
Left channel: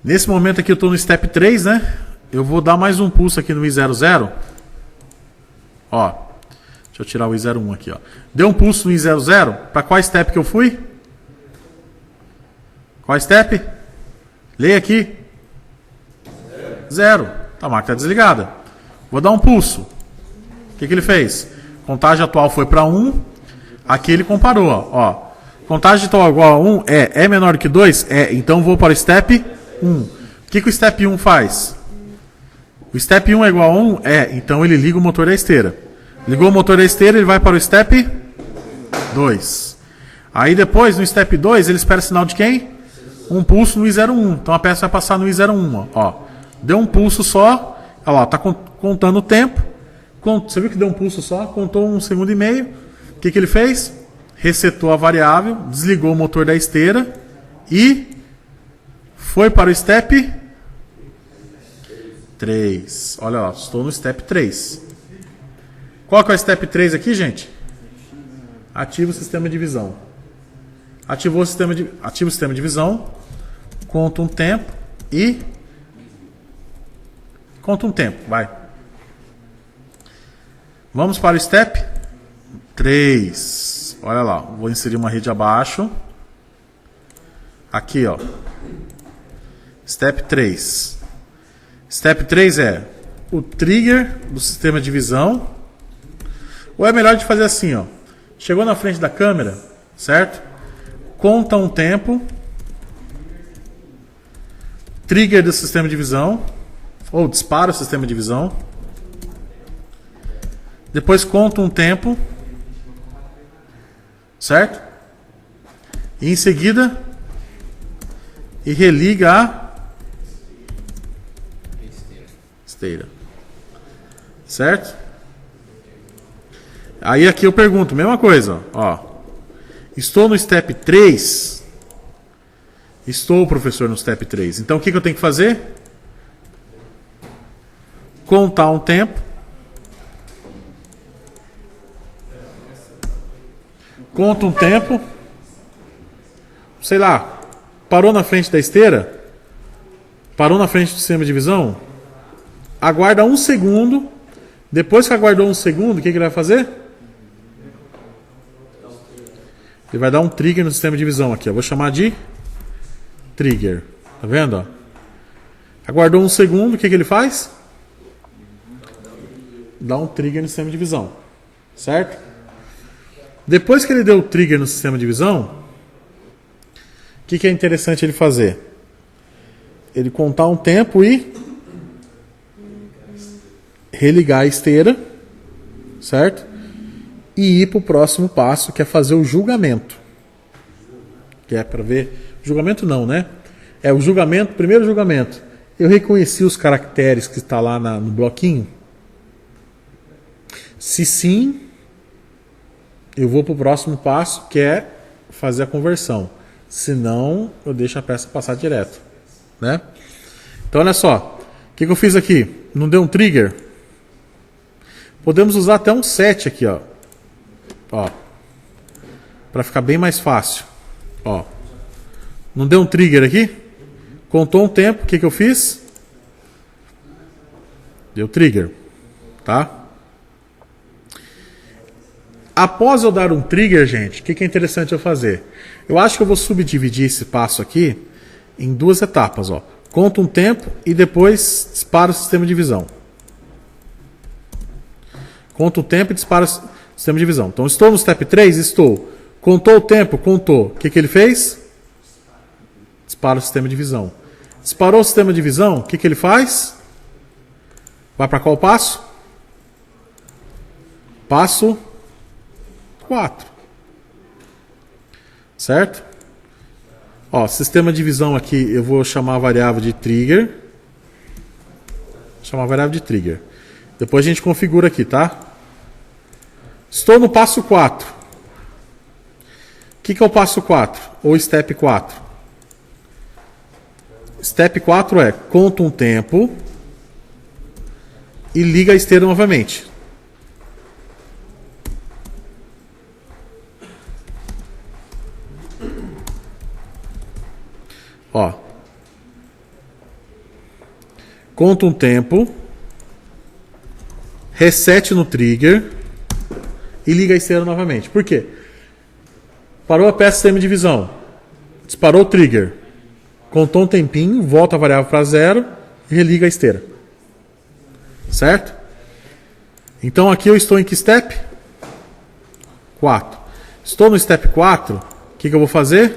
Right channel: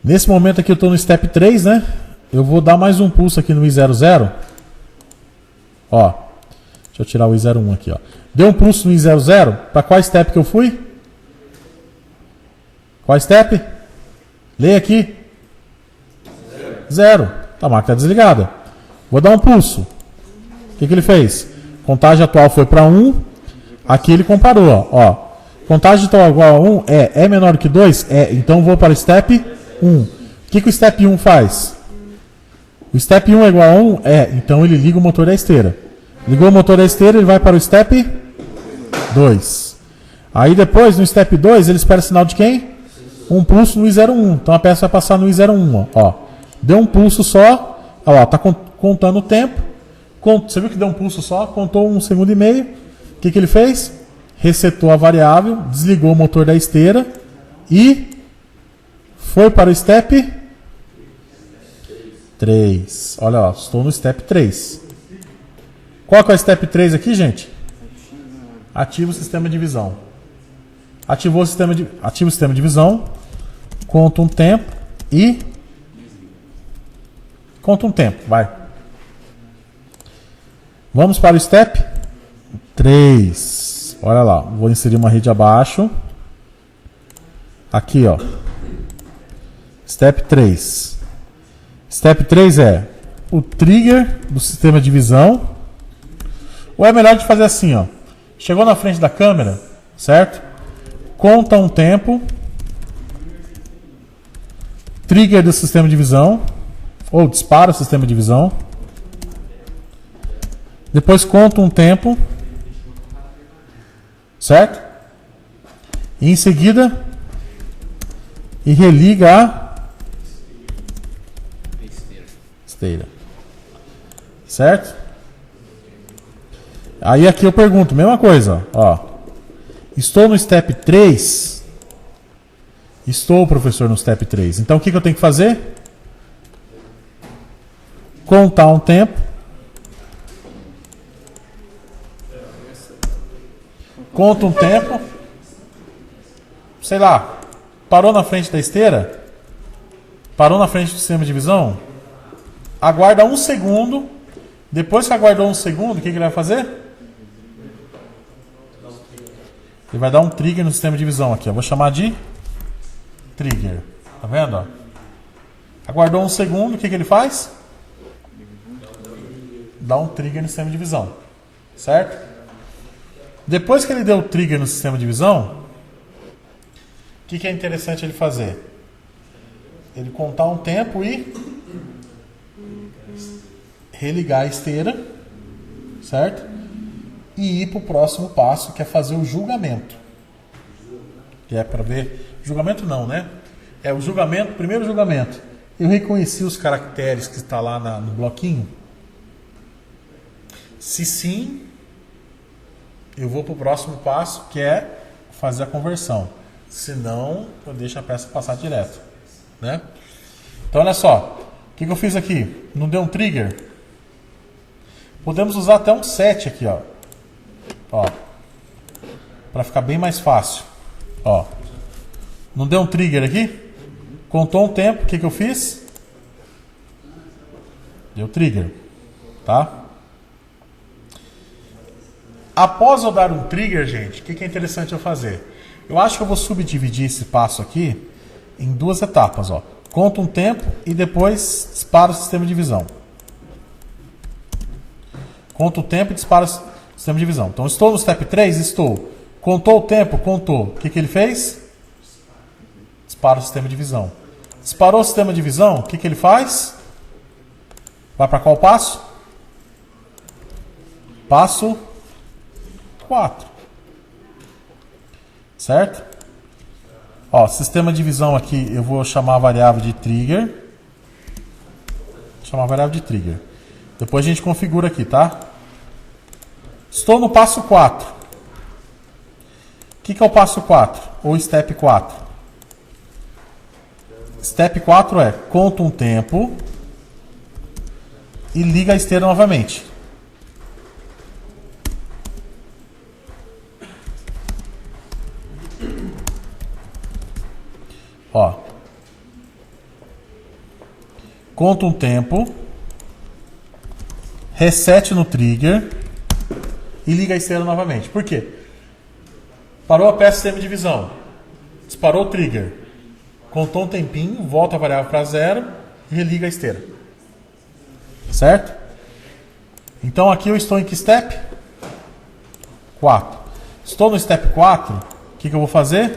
nesse momento aqui eu estou no step 3, né? Eu vou dar mais um pulso aqui no I00. Ó, deixa eu tirar o I01 aqui, ó. Deu um pulso no I00, para qual step que eu fui? Qual step? Leia aqui. 0. A máquina está desligada. Vou dar um pulso. O que ele fez? Contagem atual foi para 1. Aqui ele comparou, ó. Contagem atual igual a 1 é menor que 2? É. Então vou para o step 1. O que o step 1 faz? O step 1 é igual a 1? É. Então ele liga o motor da esteira. Ligou o motor da esteira, ele vai para o step 2. Aí depois, no step 2, ele espera sinal de quem? Um pulso no I01. Então a peça vai passar no I01. Ó. Deu um pulso só. Ó, tá contando o tempo. Você viu que deu um pulso só? Contou 1,5 segundos. O que ele fez? Resetou a variável, desligou o motor da esteira e foi para o step 3. Olha lá, estou no step 3. Qual que é o step 3 aqui, gente? Ativa o sistema de visão. Ativa o sistema de visão, conta um tempo e... Conta um tempo, vai. Vamos para o step 3. Olha lá, vou inserir uma rede abaixo. Aqui, ó. Step 3. Step 3 é o trigger do sistema de visão. Ou é melhor de fazer assim, ó. Chegou na frente da câmera, certo? Conta um tempo. Trigger do sistema de visão. Ou dispara o sistema de visão. Depois conta um tempo. Certo? E em seguida, e religa a esteira. Certo? Aí aqui eu pergunto, mesma coisa, ó. Estou no step 3. Estou, professor, no step 3. Então o que eu tenho que fazer? Contar um tempo. Conta um tempo. Sei lá, parou na frente da esteira? Parou na frente do sistema de visão? Aguarda 1 segundo. Depois que aguardou 1 segundo, o que ele vai fazer? Ele vai dar um trigger no sistema de visão aqui. Eu vou chamar de trigger. Tá vendo? Ó? Aguardou 1 segundo, o que ele faz? Dá um trigger no sistema de visão. Certo? Depois que ele deu o trigger no sistema de visão, o que é interessante ele fazer? Ele contar um tempo e religar a esteira, certo? E ir para o próximo passo, que é fazer o julgamento. Que é para ver... Julgamento não, né? É o julgamento, primeiro julgamento. Eu reconheci os caracteres que está lá no bloquinho? Se sim, eu vou para o próximo passo, que é fazer a conversão. Se não, eu deixo a peça passar direto, né? Então, olha só. O que eu fiz aqui? Não deu um trigger? Podemos usar até um set aqui, ó. Para ficar bem mais fácil. Ó. Não deu um trigger aqui? Contou um tempo. O que eu fiz? Deu trigger. Tá? Após eu dar um trigger, gente, o que é interessante eu fazer? Eu acho que eu vou subdividir esse passo aqui em 2 etapas, ó. Conta um tempo e depois dispara o sistema de visão. Conta o tempo e dispara o sistema de visão. Então, estou no step 3? Estou. Contou o tempo? Contou. O que ele fez? Dispara o sistema de visão. Disparou o sistema de visão? O que ele faz? Vai para qual passo? Passo 4. Certo? Ó, sistema de divisão aqui, eu vou chamar a variável de trigger. Vou chamar a variável de trigger. Depois a gente configura aqui, tá? Estou no passo 4. O que é o passo 4? Ou step 4? Step 4 é conta um tempo e liga a esteira novamente. Ó. Conta um tempo, reset no trigger e liga a esteira novamente. Por quê? Parou a peça sistema de divisão, disparou o trigger, contou um tempinho, volta a variável para 0 e religa a esteira. Certo? Então aqui eu estou em que step? 4. Estou no step 4, o que eu vou fazer?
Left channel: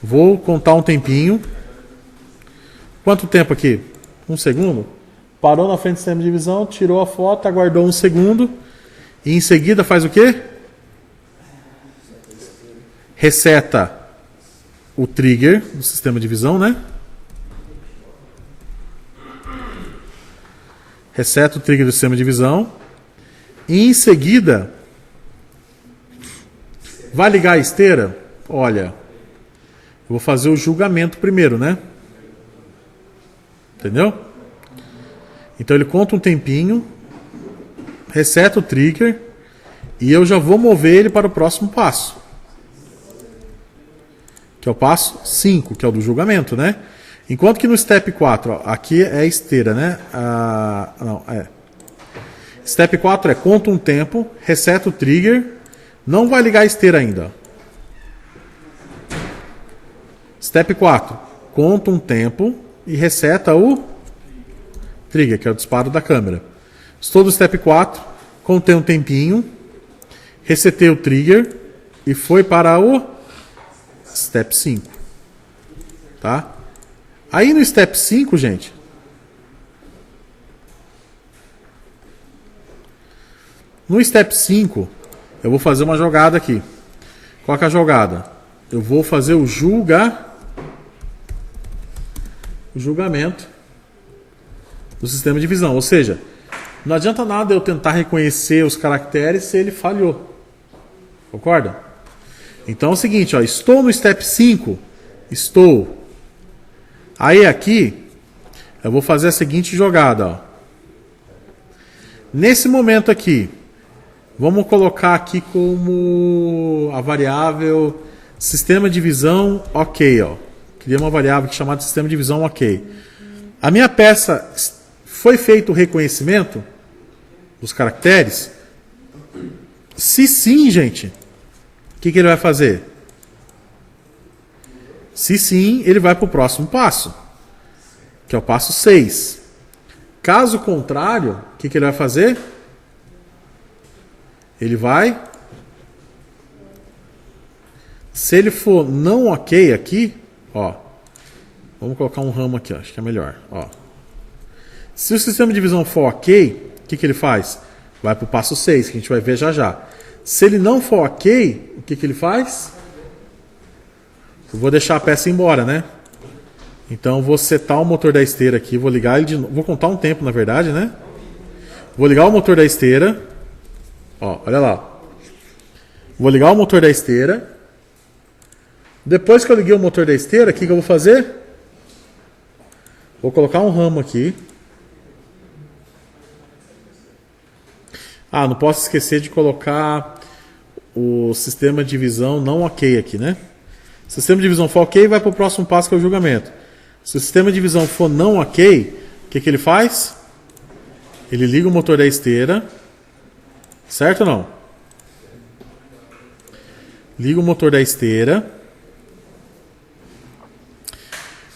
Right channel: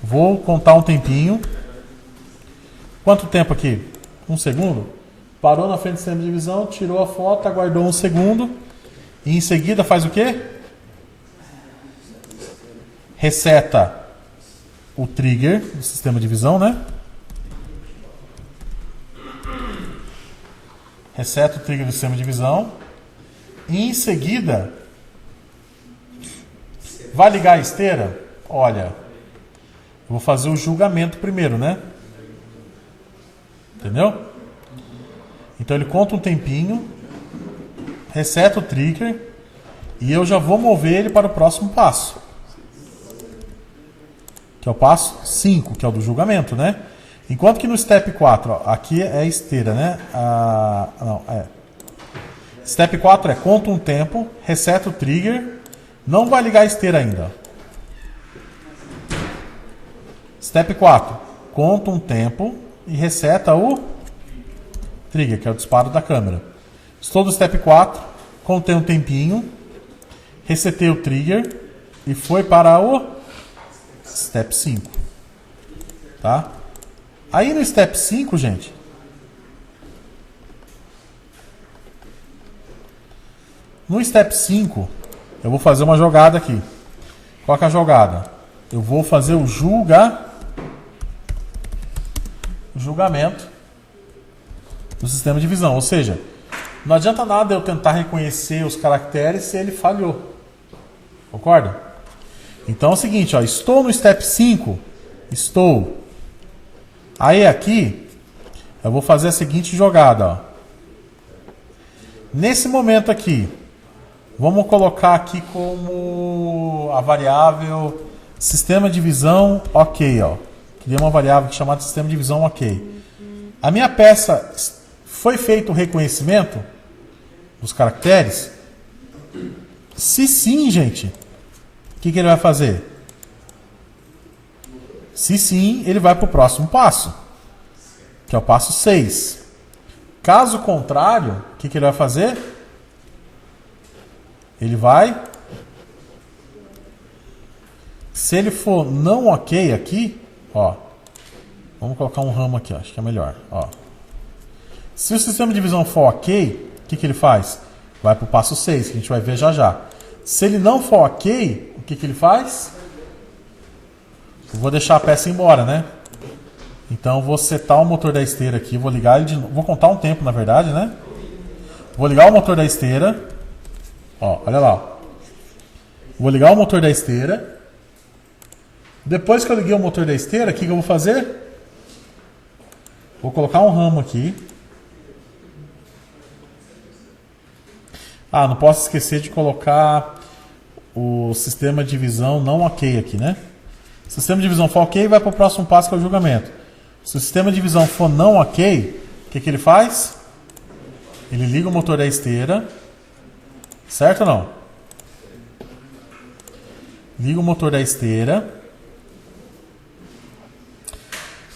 Vou contar um tempinho. Quanto tempo aqui? 1 segundo? Parou na frente do sistema de divisão, tirou a foto, aguardou 1 segundo e em seguida faz o quê? Reseta o trigger do sistema de divisão, né? Reseta o trigger do sistema de divisão e em seguida vai ligar a esteira? Olha, eu vou fazer o julgamento primeiro, né? Entendeu? Então ele conta um tempinho, reseta o trigger e eu já vou mover ele para o próximo passo. Que é o passo 5, que é o do julgamento, né? Enquanto que no step 4, ó, aqui é a esteira, né? Step 4 é conta um tempo, reseta o trigger, não vai ligar a esteira ainda. Step 4, conta um tempo e reseta o trigger, que é o disparo da câmera. Estou no step 4, contei um tempinho, resetei o trigger e foi para o step 5. Tá? Aí no step 5, gente, no step 5, eu vou fazer uma jogada aqui. Qual que é a jogada? Eu vou fazer o julgamento do sistema de divisão. Ou seja, não adianta nada eu tentar reconhecer os caracteres se ele falhou. Concorda? Então é o seguinte, ó, estou no step 5, estou. Aí aqui, eu vou fazer a seguinte jogada. Ó. Nesse momento aqui, vamos colocar aqui como a variável sistema de divisão ok. Ó. Criei uma variável chamada sistema de divisão ok. A minha peça foi feito o reconhecimento dos caracteres? Se sim, gente, o que ele vai fazer? Se sim, ele vai para o próximo passo, que é o passo 6. Caso contrário, o que ele vai fazer? Ele vai... Se ele for não ok aqui, ó, vamos colocar um ramo aqui, ó, acho que é melhor. Ó. Se o sistema de divisão for ok, o que ele faz? Vai para o passo 6, que a gente vai ver já já. Se ele não for ok, o que ele faz? Eu vou deixar a peça embora, né? Então eu vou setar o motor da esteira aqui, vou ligar ele de novo. Vou contar um tempo, na verdade, né? Vou ligar o motor da esteira. Ó, olha lá. Vou ligar o motor da esteira. Depois que eu liguei o motor da esteira, o que eu vou fazer? Vou colocar um ramo aqui. Ah, não posso esquecer de colocar o sistema de divisão não ok aqui, né? Se o sistema de divisão for ok, vai para o próximo passo, que é o julgamento. Se o sistema de divisão for não ok, o que ele faz? Ele liga o motor da esteira. Certo ou não? Liga o motor da esteira.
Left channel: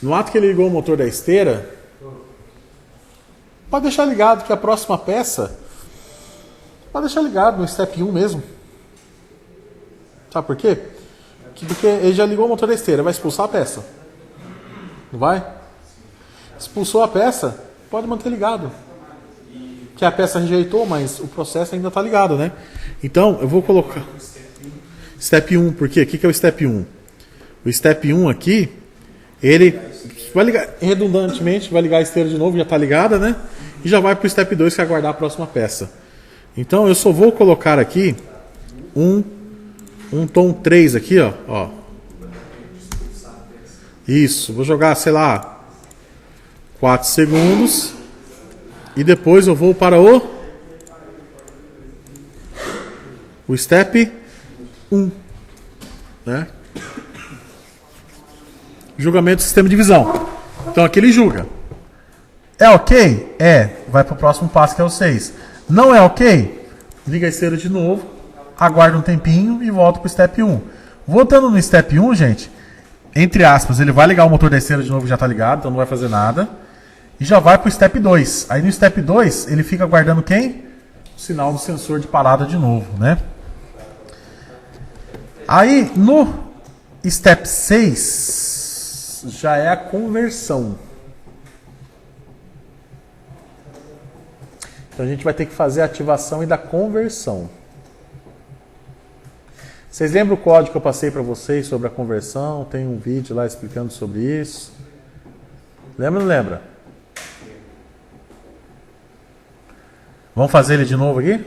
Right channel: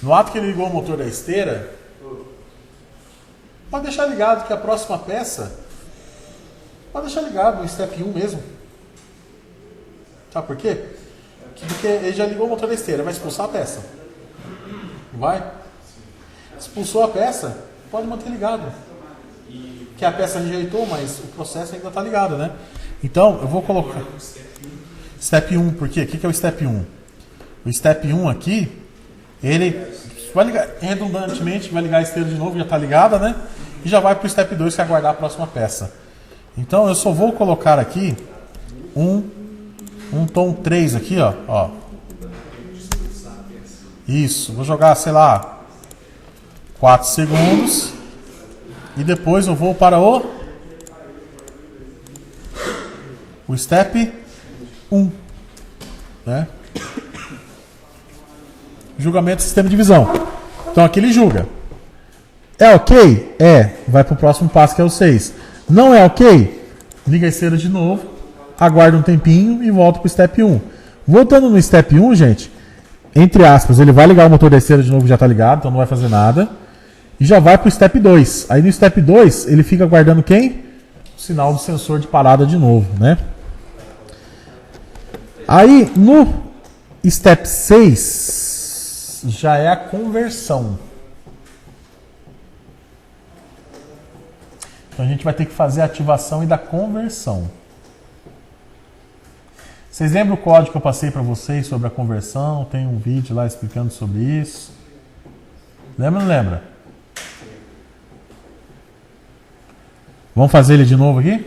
No ato que ele ligou o motor da esteira, pode deixar ligado que a próxima peça, pode deixar ligado no step 1 mesmo. Sabe por quê? Porque ele já ligou o motor da esteira, vai expulsar a peça. Não vai? Expulsou a peça, pode manter ligado. O que a peça rejeitou, mas o processo ainda está ligado, né? Então, eu vou colocar... Step 1, por quê? O que é o Step 1? O Step 1 aqui, ele vai ligar, redundantemente, vai ligar a esteira de novo, já está ligada, né? E já vai para o Step 2, que é aguardar a próxima peça. Então, eu só vou colocar aqui um tom 3 aqui, ó. Isso, vou jogar, sei lá, 4 segundos. E depois eu vou para o Step 1. Né? Julgamento do sistema de divisão. Então aqui ele julga. É ok? É. Vai para o próximo passo, que é o 6. Não é ok? Liga a esteira de novo. Aguarda um tempinho e volta para o Step 1. Voltando no Step 1, gente, entre aspas, ele vai ligar o motor da esteira de novo, que já está ligado, então não vai fazer nada. E já vai para o Step 2. Aí no Step 2, ele fica aguardando quem? O sinal do sensor de parada de novo, né? Aí no Step 6, já é a conversão. Então a gente vai ter que fazer a ativação e da conversão. Vocês lembram o código que eu passei para vocês sobre a conversão? Tem um vídeo lá explicando sobre isso. Lembra ou não lembra? Vamos fazer ele de novo aqui?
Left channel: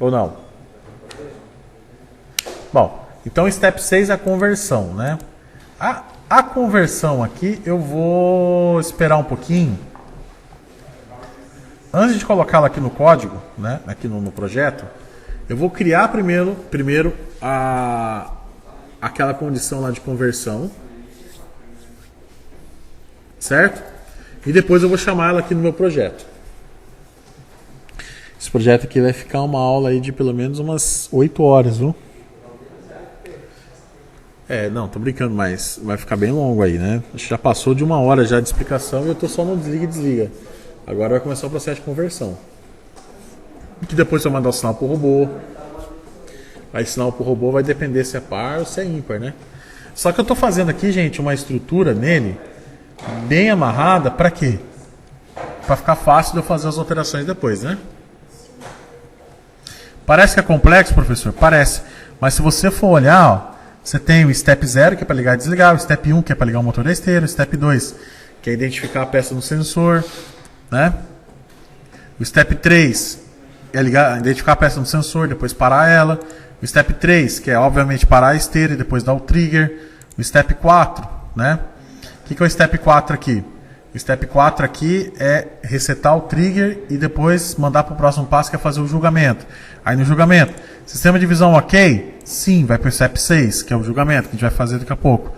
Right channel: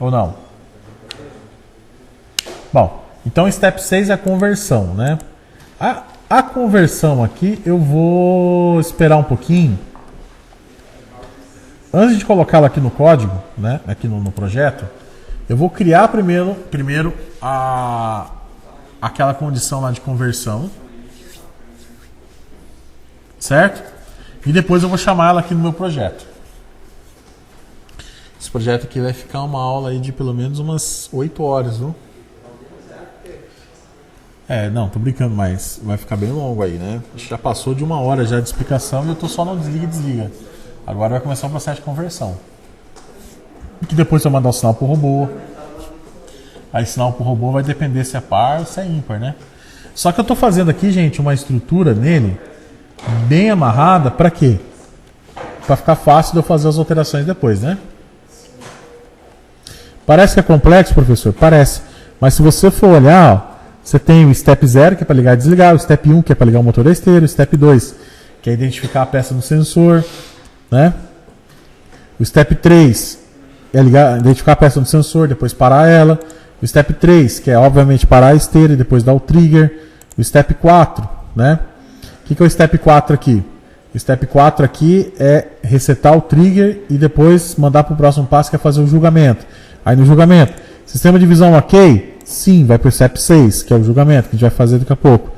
Ou não? Bom, então Step 6 é a conversão, né? A conversão aqui eu vou esperar um pouquinho. Antes de colocá-la aqui no código, né? Aqui no projeto, eu vou criar primeiro aquela condição lá de conversão. Certo? E depois eu vou chamar ela aqui no meu projeto. Esse projeto aqui vai ficar uma aula aí de pelo menos umas 8 horas, viu? Não, tô brincando, mas vai ficar bem longo aí, né? A gente já passou de 1 hora já de explicação e eu tô só no desliga e desliga. Agora vai começar o processo de conversão. Que depois eu mandar o sinal pro robô. Aí sinal pro robô vai depender se é par ou se é ímpar, né? Só que eu tô fazendo aqui, gente, uma estrutura nele bem amarrada, para quê? Para ficar fácil de eu fazer as alterações depois, né? Parece que é complexo, professor? Parece. Mas se você for olhar, ó, você tem o Step 0, que é para ligar e desligar, o Step 1, que é para ligar o motor da esteira, o Step 2, que é identificar a peça no sensor, né? O Step 3 é identificar a peça no sensor, depois parar ela. O Step 3, que é obviamente parar a esteira e depois dar o trigger. O Step 4, né? O que é o Step 4 aqui? O Step 4 aqui é resetar o trigger e depois mandar para o próximo passo, que é fazer o julgamento. Aí no julgamento, sistema de divisão ok? Sim, vai para o Step 6, que é o julgamento, que a gente vai fazer daqui a pouco.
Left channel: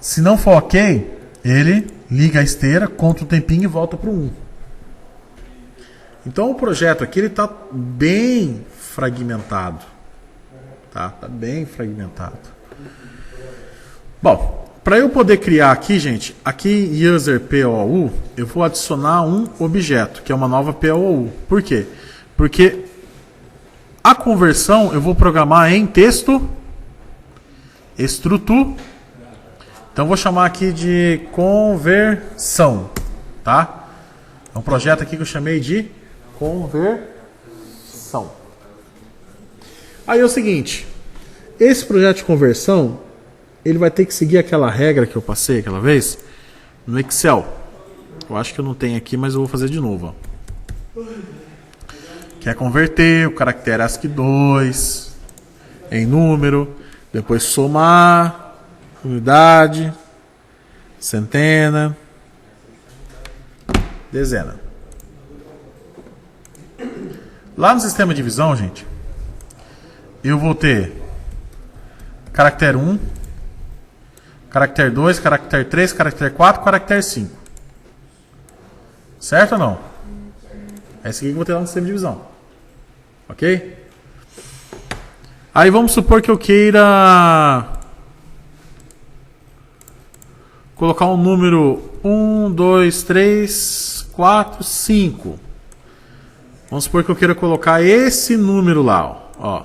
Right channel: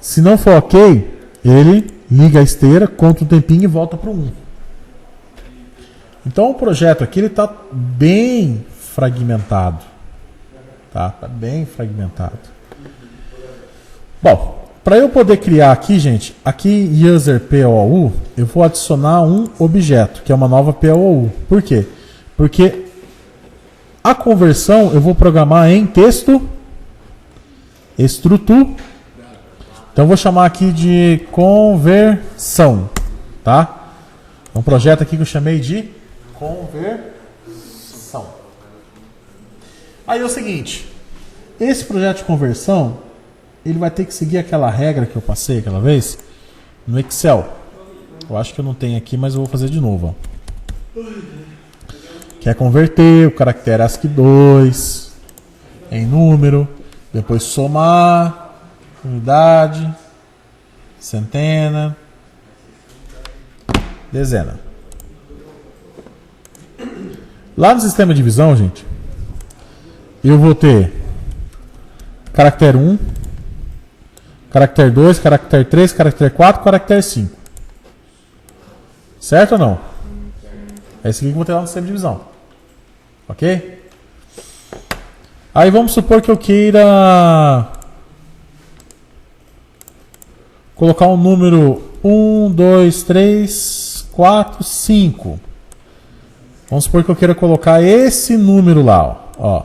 Se não for ok, ele liga a esteira, conta o tempinho e volta para o 1. Então o projeto aqui está bem fragmentado. Tá bem fragmentado. Bom, para eu poder criar aqui, gente, aqui user POU, eu vou adicionar um objeto, que é uma nova POU. Por quê? Porque a conversão eu vou programar em texto estrutura. Então eu vou chamar aqui de conversão, tá? É um projeto aqui que eu chamei de conversão. Aí é o seguinte, esse projeto de conversão, ele vai ter que seguir aquela regra que eu passei aquela vez no Excel. Eu acho que eu não tenho aqui, mas eu vou fazer de novo, ó. Que é converter o caractere ASCII 2 em número, depois somar, unidade, centena, dezena. Lá no sistema de divisão, gente, eu vou ter caractere 1, caractere 2, caractere 3, caractere 4, caractere 5. Certo ou não? É isso aqui que eu vou ter lá no sistema de divisão. Ok? Aí vamos supor que eu queira colocar um número 1, 2, 3, 4, 5. Vamos supor que eu queira colocar esse número lá, ó.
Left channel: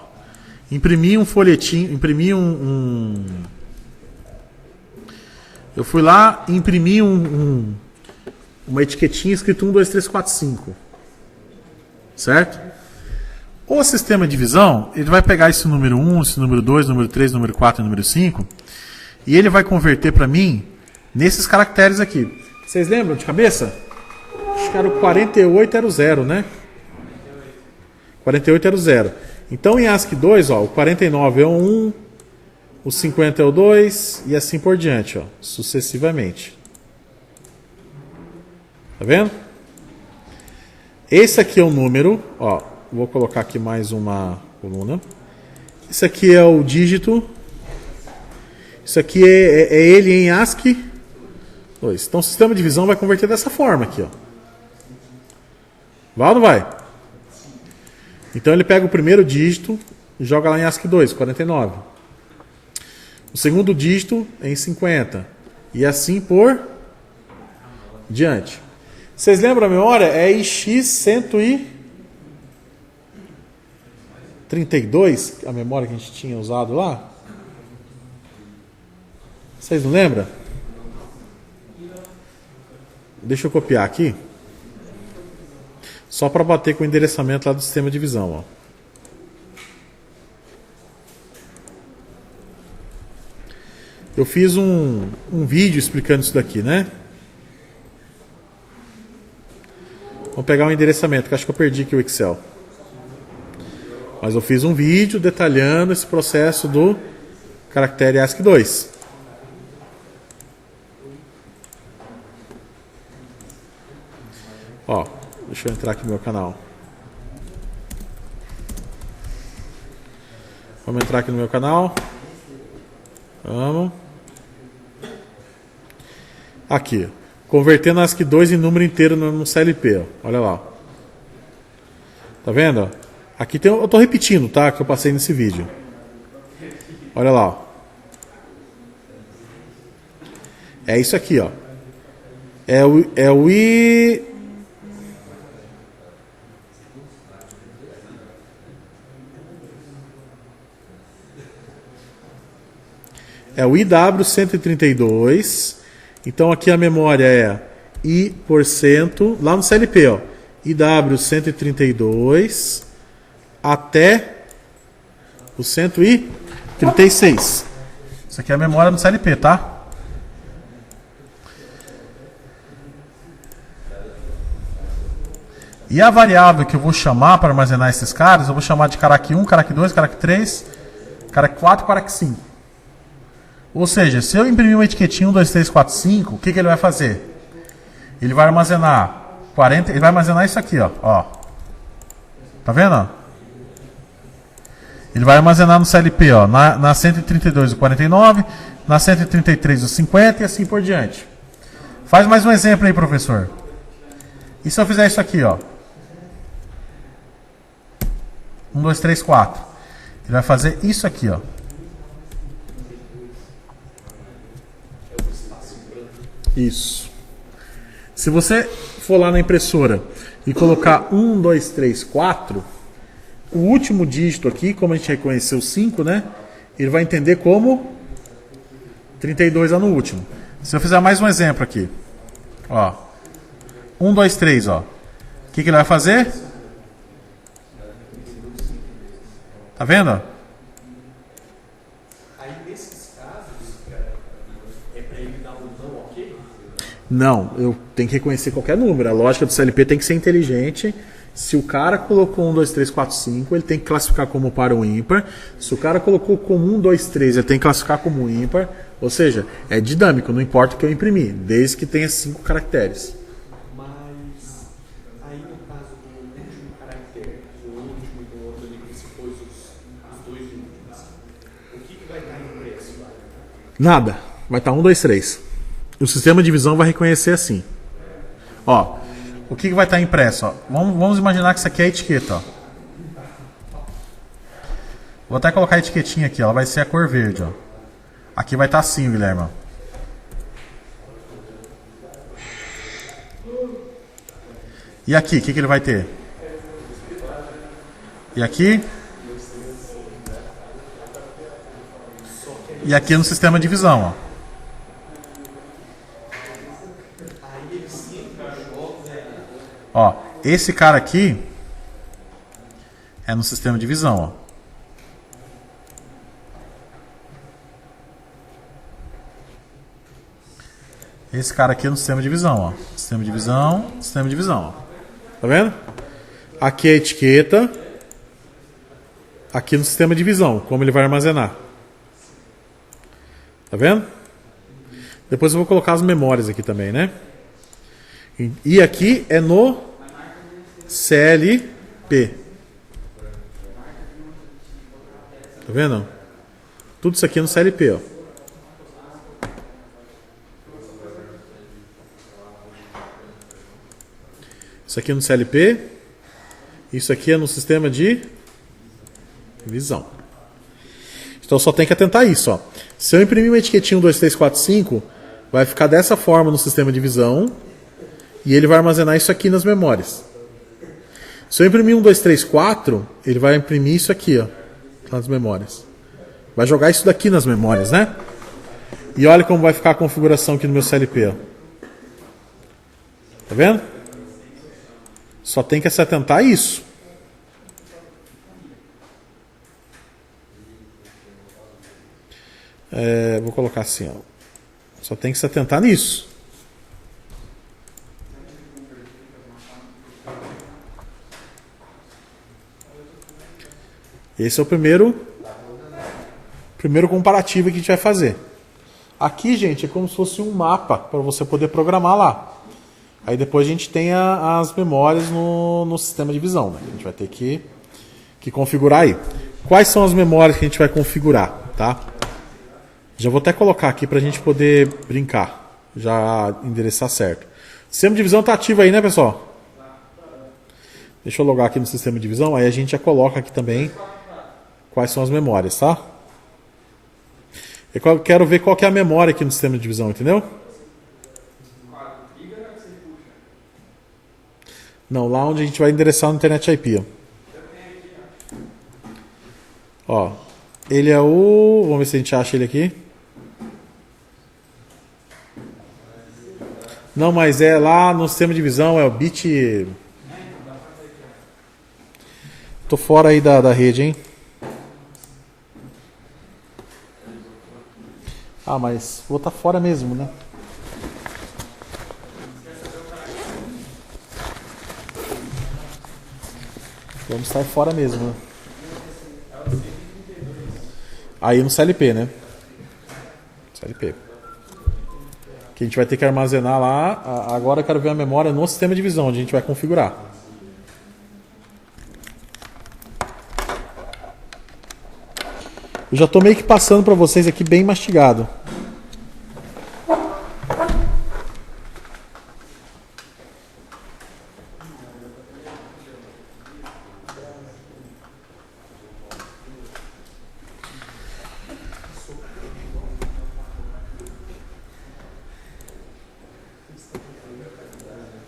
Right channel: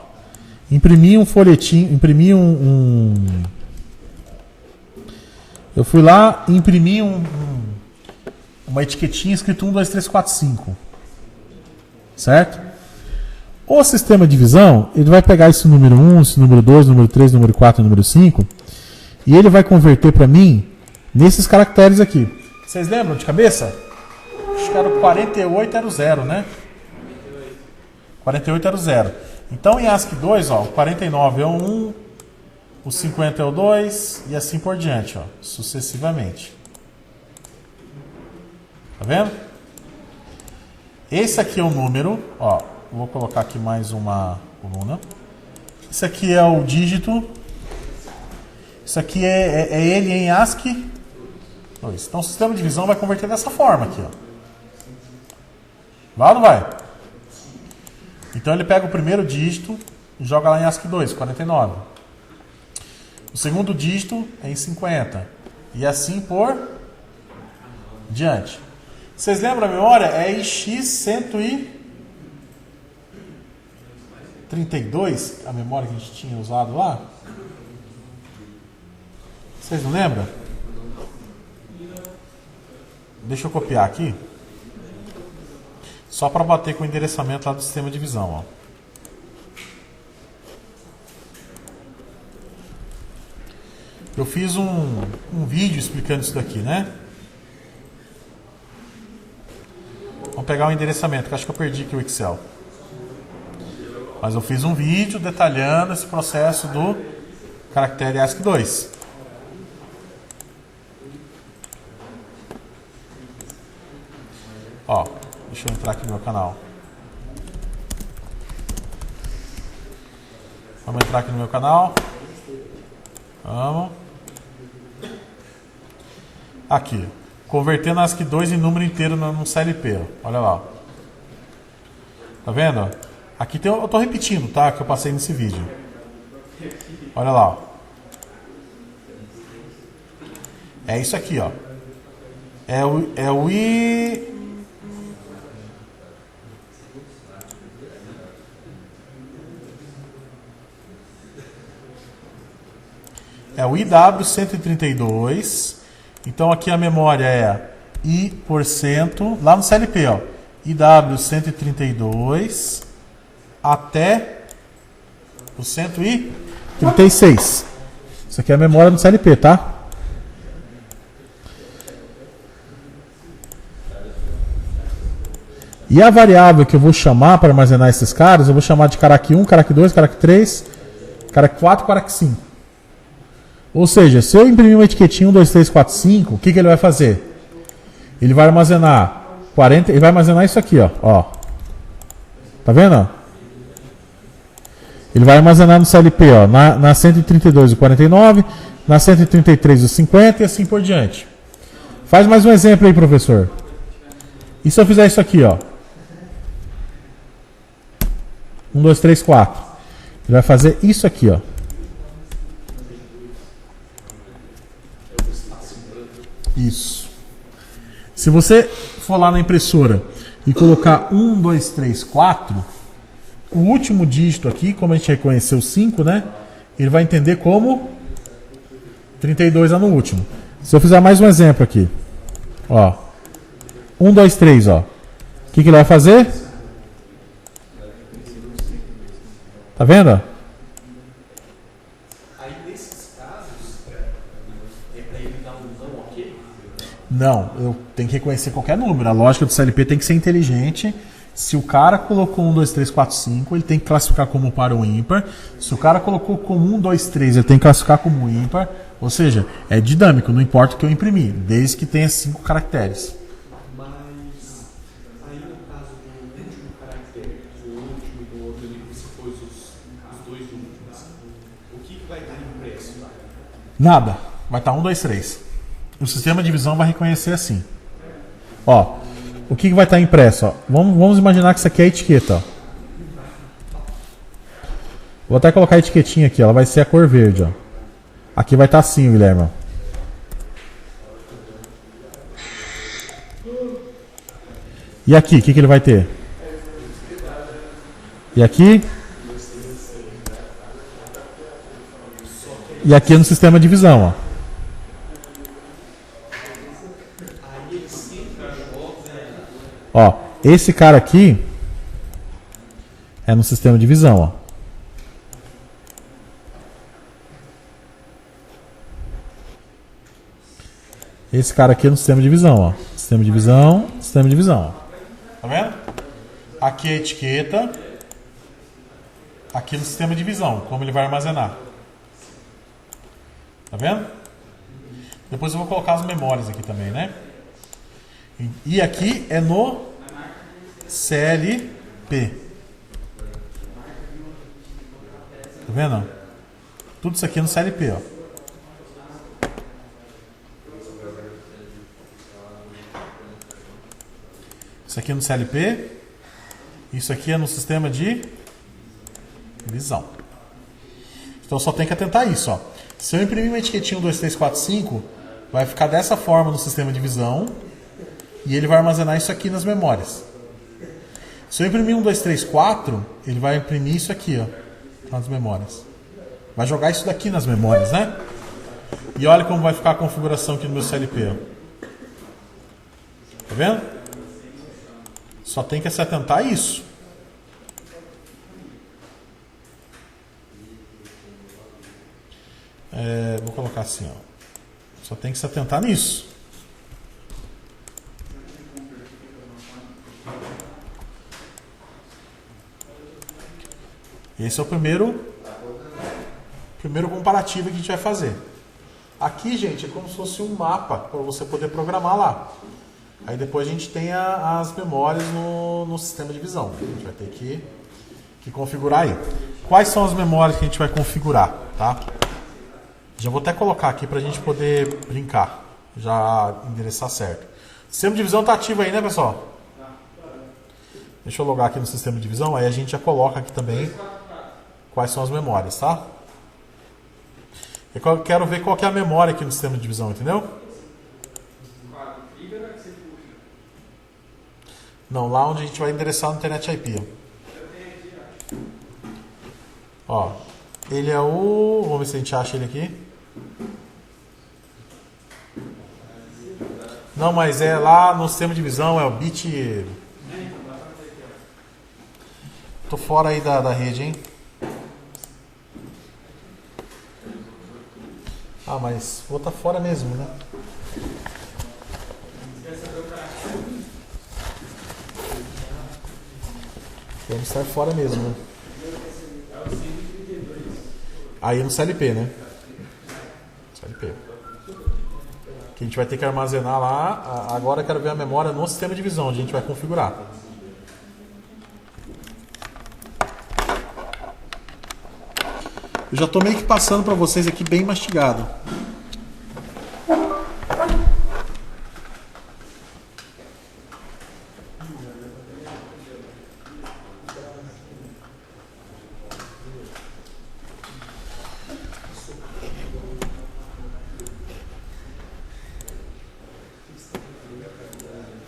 Imprimir um folhetinho, imprimir eu fui lá, imprimi um uma etiquetinha escrito 1, 2, 3, 4, 5. Certo? O sistema de divisão, ele vai pegar esse número 1, esse número 2, número 3, número 4 e número 5, e ele vai converter para mim nesses caracteres aqui. Vocês lembram de cabeça? Acho que era o 48 era o 0, né? 48 era o 0. Então em ASCII 2, ó, o 49 é o 1, o 50 é o 2 e assim por diante, ó, sucessivamente. Tá vendo? Esse aqui é o número, ó, vou colocar aqui mais uma coluna. Isso aqui é o dígito. Isso aqui é ele em ASCII 2. Então o sistema de divisão vai converter dessa forma aqui, ó. Vai ou não vai? Então ele pega o primeiro dígito e joga lá em ASCII 2, 49. O segundo dígito é em 50. E assim por diante. Vocês lembram a memória? É em X132, a memória que a gente tinha usado lá. Vocês não lembram? Deixa eu copiar aqui. Só para bater com o endereçamento lá do sistema de divisão, ó. Eu fiz um vídeo explicando isso daqui, né? Vou pegar o endereçamento, que acho que eu perdi aqui o Excel. Mas eu fiz um vídeo detalhando esse processo do caractere ASCII 2. Ó, deixa eu entrar aqui no meu canal. Vamos entrar aqui no meu canal. Vamos. Aqui. Convertendo ASCII 2 em número inteiro no CLP. Ó. Olha lá. Tá vendo? Aqui tem, eu estou repetindo, tá? Que eu passei nesse vídeo. Olha lá. Ó. É isso aqui, ó. É o I... É o IW132. Então aqui a memória é I%, lá no CLP, ó. IW132 até o 136. Isso aqui é a memória do CLP, tá? E a variável que eu vou chamar para armazenar esses caras, eu vou chamar de carac 1, carac 2, carac 3, carac 4, carac 5. Ou seja, se eu imprimir uma etiquetinha 1, 2, 3, 4, 5, o que ele vai fazer? Ele vai armazenar 40, ele vai armazenar isso aqui, ó. Tá vendo? Ó? Ele vai armazenar no CLP, ó, na 132 o 49, na 133 o 50 e assim por diante. Faz mais um exemplo aí, professor. E se eu fizer isso aqui, ó? 1, 2, 3, 4. Ele vai fazer isso aqui, ó. Isso. Se você for lá na impressora e colocar 1, 2, 3, 4, o último dígito aqui, como a gente reconheceu 5, né? Ele vai entender como 32 lá no último. Se eu fizer mais um exemplo aqui, ó. 1, 2, 3, ó. O que ele vai fazer? Tá vendo? Aí nesses casos, é para ele dar um não ok? Não, eu tenho que reconhecer qualquer número. A lógica do CLP tem que ser inteligente. Se o cara colocou 1, 2, 3, 4, 5, ele tem que classificar como par ou ímpar. Se o cara colocou como 1, 2, 3, ele tem que classificar como ímpar. Ou seja, é dinâmico, não importa o que eu imprimir, desde que tenha 5 caracteres. Mas aí no caso do último caractere, o último e do outro ali, que se pôs os dois últimos, o que vai estar impresso? Nada, vai estar 1, 2, 3. O sistema de divisão vai reconhecer assim. Ó, o que vai estar impresso? Ó? Vamos imaginar que isso aqui é a etiqueta. Ó. Vou até colocar a etiquetinha aqui, ela vai ser a cor verde. Ó. Aqui vai estar assim, Guilherme. Ó. E aqui, o que ele vai ter? E aqui? E aqui no sistema de divisão, ó. Aí ele sempre joga Ó, esse cara aqui é no sistema de visão, ó. Esse cara aqui é no sistema de visão, ó. Sistema de visão, sistema de visão. Ó. Tá vendo? Aqui é a etiqueta. Aqui no sistema de visão, como ele vai armazenar. Tá vendo? Depois eu vou colocar as memórias aqui também, né? E aqui é no CLP. Tá vendo? Tudo isso aqui é no CLP, ó. Isso aqui é no CLP. Isso aqui é no sistema de visão. Então só tem que atentar isso, ó. Se eu imprimir uma etiquetinha 1, 2, 3, 4, 5, vai ficar dessa forma no sistema de visão. E ele vai armazenar isso aqui nas memórias. Se eu imprimir 1, 2, 3, 4, ele vai imprimir isso aqui, ó, nas memórias. Vai jogar isso daqui nas memórias, né? E olha como vai ficar a configuração aqui no meu CLP, ó. Tá vendo? Só tem que se atentar a isso. Vou colocar assim, ó. Só tem que se atentar nisso. Esse é o primeiro comparativo que a gente vai fazer. Aqui, gente, é como se fosse um mapa para você poder programar lá. Aí depois a gente tem as memórias no sistema de visão. A gente vai ter que configurar aí. Quais são as memórias que a gente vai configurar, tá? Já vou até colocar aqui para a gente poder brincar. Já endereçar certo. O sistema de visão está ativo aí, né, pessoal? Deixa eu logar aqui no sistema de visão. Aí a gente já coloca aqui também quais são as memórias, tá? Eu quero ver qual que é a memória aqui no sistema de visão, entendeu? Não, lá onde a gente vai endereçar no Internet IP. Ó, ele é o... Vamos ver se a gente acha ele aqui. Não, mas é lá no sistema de visão, é o bit... Tô fora aí da rede, hein? Ah, mas vou estar fora mesmo, né? Vamos estar fora mesmo, né? Aí no CLP, né? CLP. Que a gente vai ter que armazenar lá. Agora eu quero ver a memória no sistema de visão, onde a gente vai configurar. Eu já estou meio que passando para vocês aqui bem mastigado.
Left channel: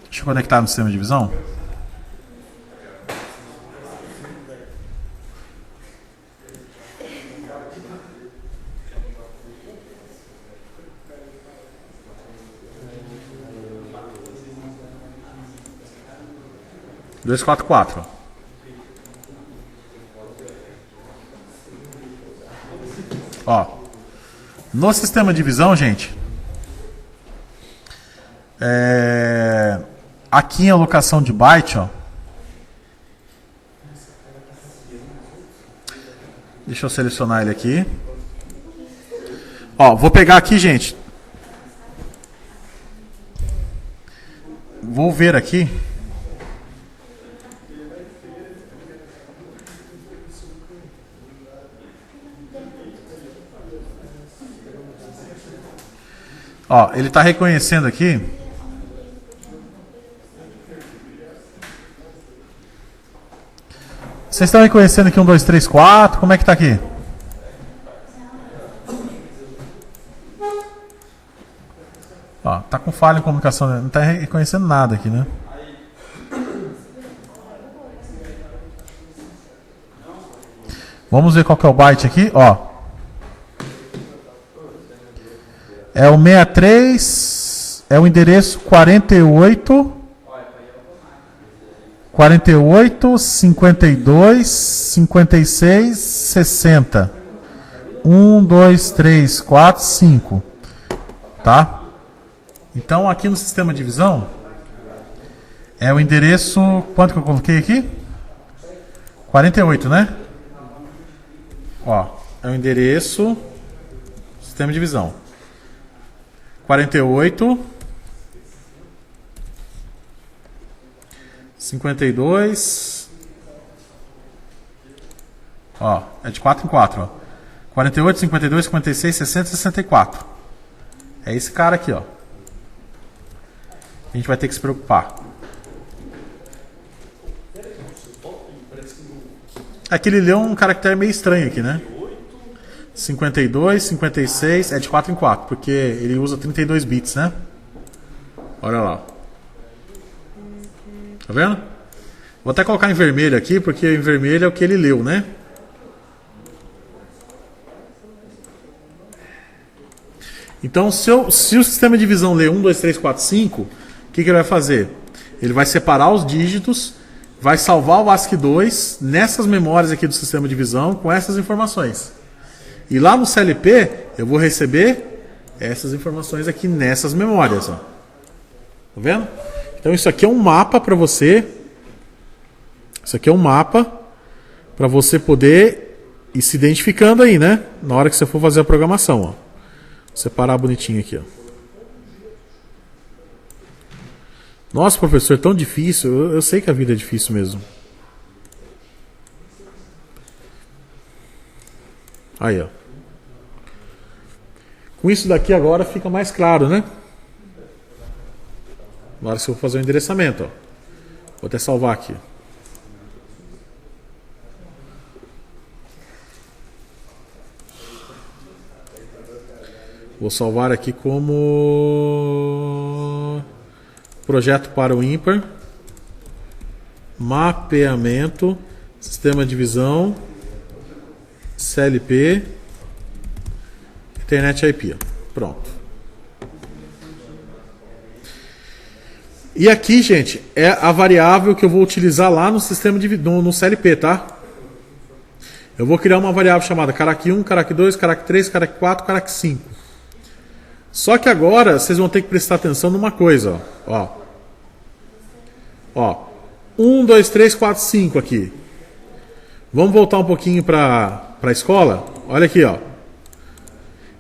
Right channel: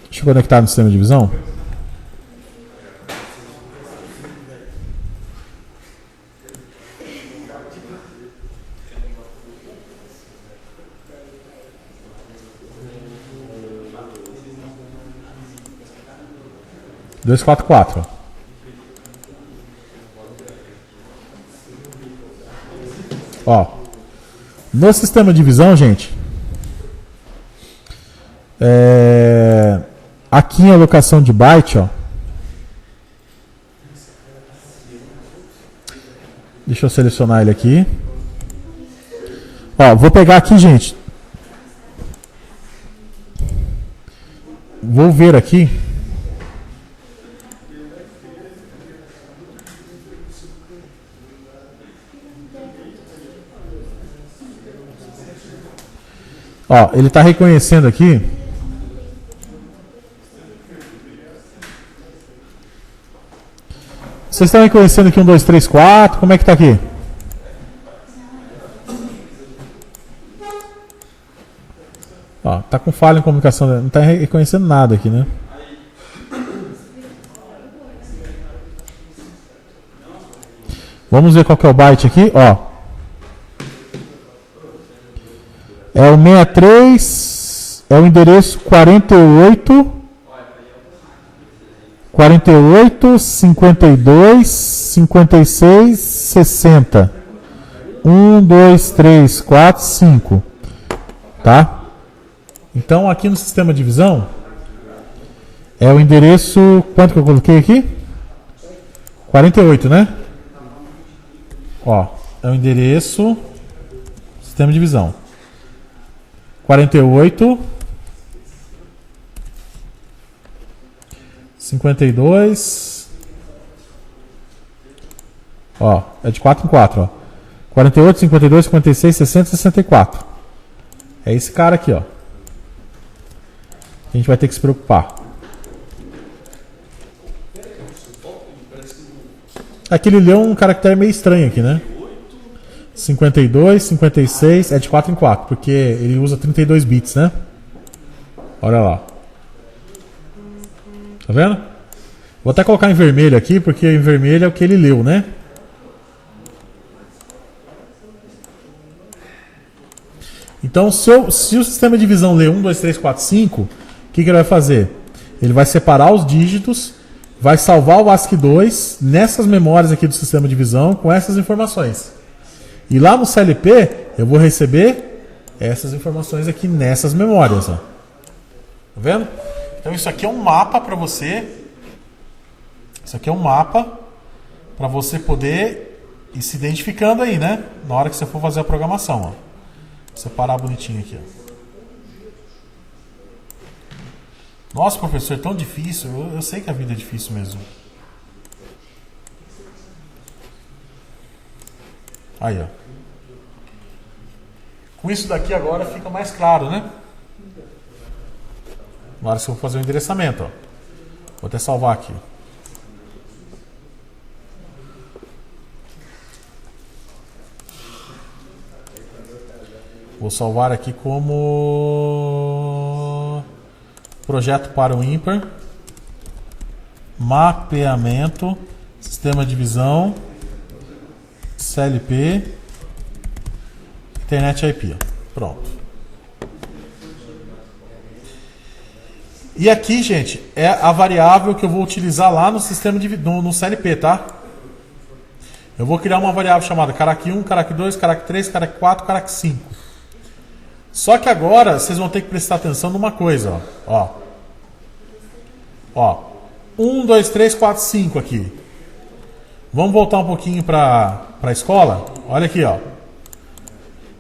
Deixa eu conectar no sistema de visão. Dois, quatro, quatro. Ó, no sistema de visão, gente, aqui em alocação de byte, ó. Deixa eu selecionar ele aqui. Ó, vou pegar aqui, gente. Vou ver aqui. Ó, ele está reconhecendo aqui. Vocês estão reconhecendo aqui 1, 2, 3, 4? Como é que tá aqui? Ó, tá com falha em comunicação, não tá reconhecendo nada aqui, né? Vamos ver qual que é o byte aqui, ó. É o 63, é o endereço 48. 48, 52, 56, 60. 1, 2, 3, 4, 5. Tá? Então, aqui no sistema de divisão, é o endereço... Quanto que eu coloquei aqui? 48, né? Ó, é o endereço... Sistema de divisão. 48... 52. Ó, é de 4 em 4, ó. 48, 52, 56, 60, 64. É esse cara aqui, ó. A gente vai ter que se preocupar. Aqui ele leu um caractere meio estranho aqui, né? 52, 56, é de 4 em 4, porque ele usa 32 bits, né? Olha lá. Tá vendo? Vou até colocar em vermelho aqui, porque em vermelho é o que ele leu, né? Então, se o sistema de divisão lê 1, 2, 3, 4, 5, o que ele vai fazer? Ele vai separar os dígitos, vai salvar o ASCII2 nessas memórias aqui do sistema de divisão com essas informações. E lá no CLP, eu vou receber essas informações aqui nessas memórias. Ó. Tá vendo? Então, isso aqui é um mapa para você. Isso aqui é um mapa para você poder ir se identificando aí, né? Na hora que você for fazer a programação. Ó. Vou separar bonitinho aqui. Ó. Nossa, professor, é tão difícil. Eu sei que a vida é difícil mesmo. Aí, ó. Com isso daqui agora fica mais claro, né? Na hora que eu vou fazer o endereçamento, ó. Vou até salvar aqui. Vou salvar aqui como projeto para o ímpar, mapeamento, sistema de divisão, CLP, internet IP. Pronto. E aqui, gente, é a variável que eu vou utilizar lá no sistema de no CLP, tá? Eu vou criar uma variável chamada carac1, carac2, carac3, carac4, carac5. Só que agora vocês vão ter que prestar atenção numa coisa, ó. Ó. 1, 2, 3, 4, 5 aqui. Vamos voltar um pouquinho para a escola? Olha aqui, ó.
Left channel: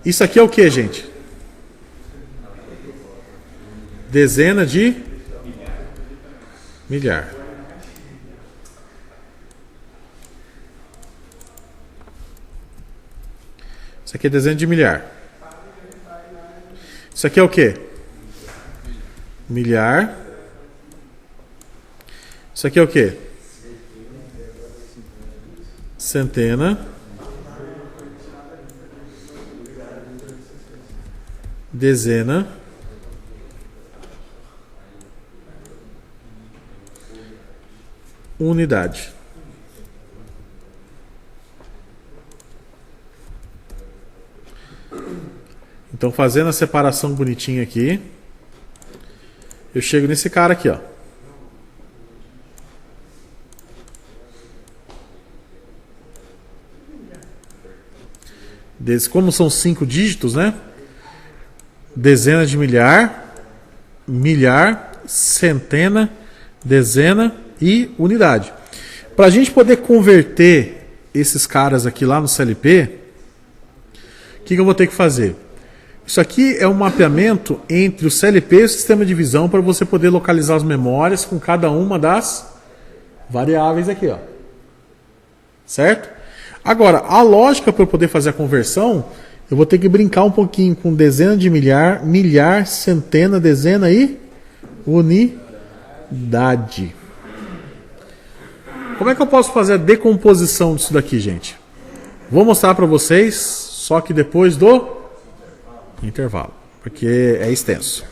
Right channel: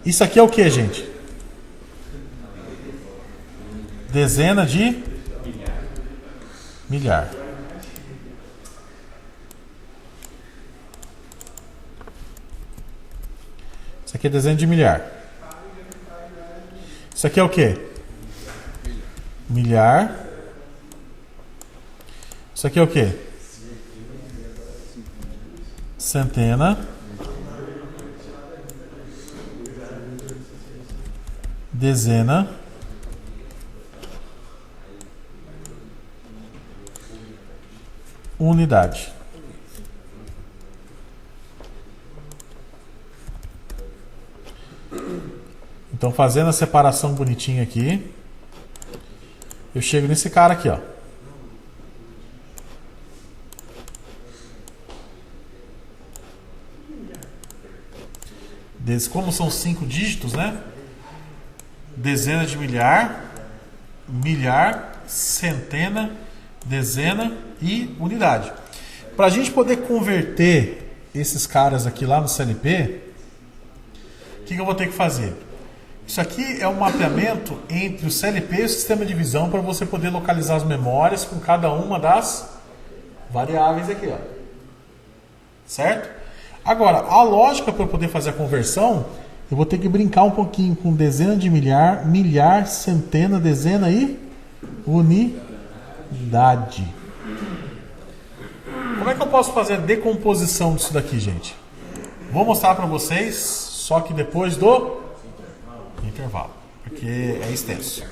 Isso aqui é o que, gente? Dezena de milhar. Isso aqui é dezena de milhar. Isso aqui é o que? Milhar. Isso aqui é o que? Centena. Dezena. Unidade. Então, fazendo a separação bonitinha aqui, eu chego nesse cara aqui, ó. Como são 5 dígitos, né? Dezena de milhar, milhar, centena, dezena e unidade. Para a gente poder converter esses caras aqui lá no CLP, o que eu vou ter que fazer? Isso aqui é um mapeamento entre o CLP e o sistema de divisão para você poder localizar as memórias com cada uma das variáveis aqui, ó. Certo? Agora, a lógica para eu poder fazer a conversão, eu vou ter que brincar um pouquinho com dezena de milhar, milhar, centena, dezena e unidade. Como é que eu posso fazer a decomposição disso daqui, gente? Vou mostrar para vocês, só que depois do intervalo, porque é extenso.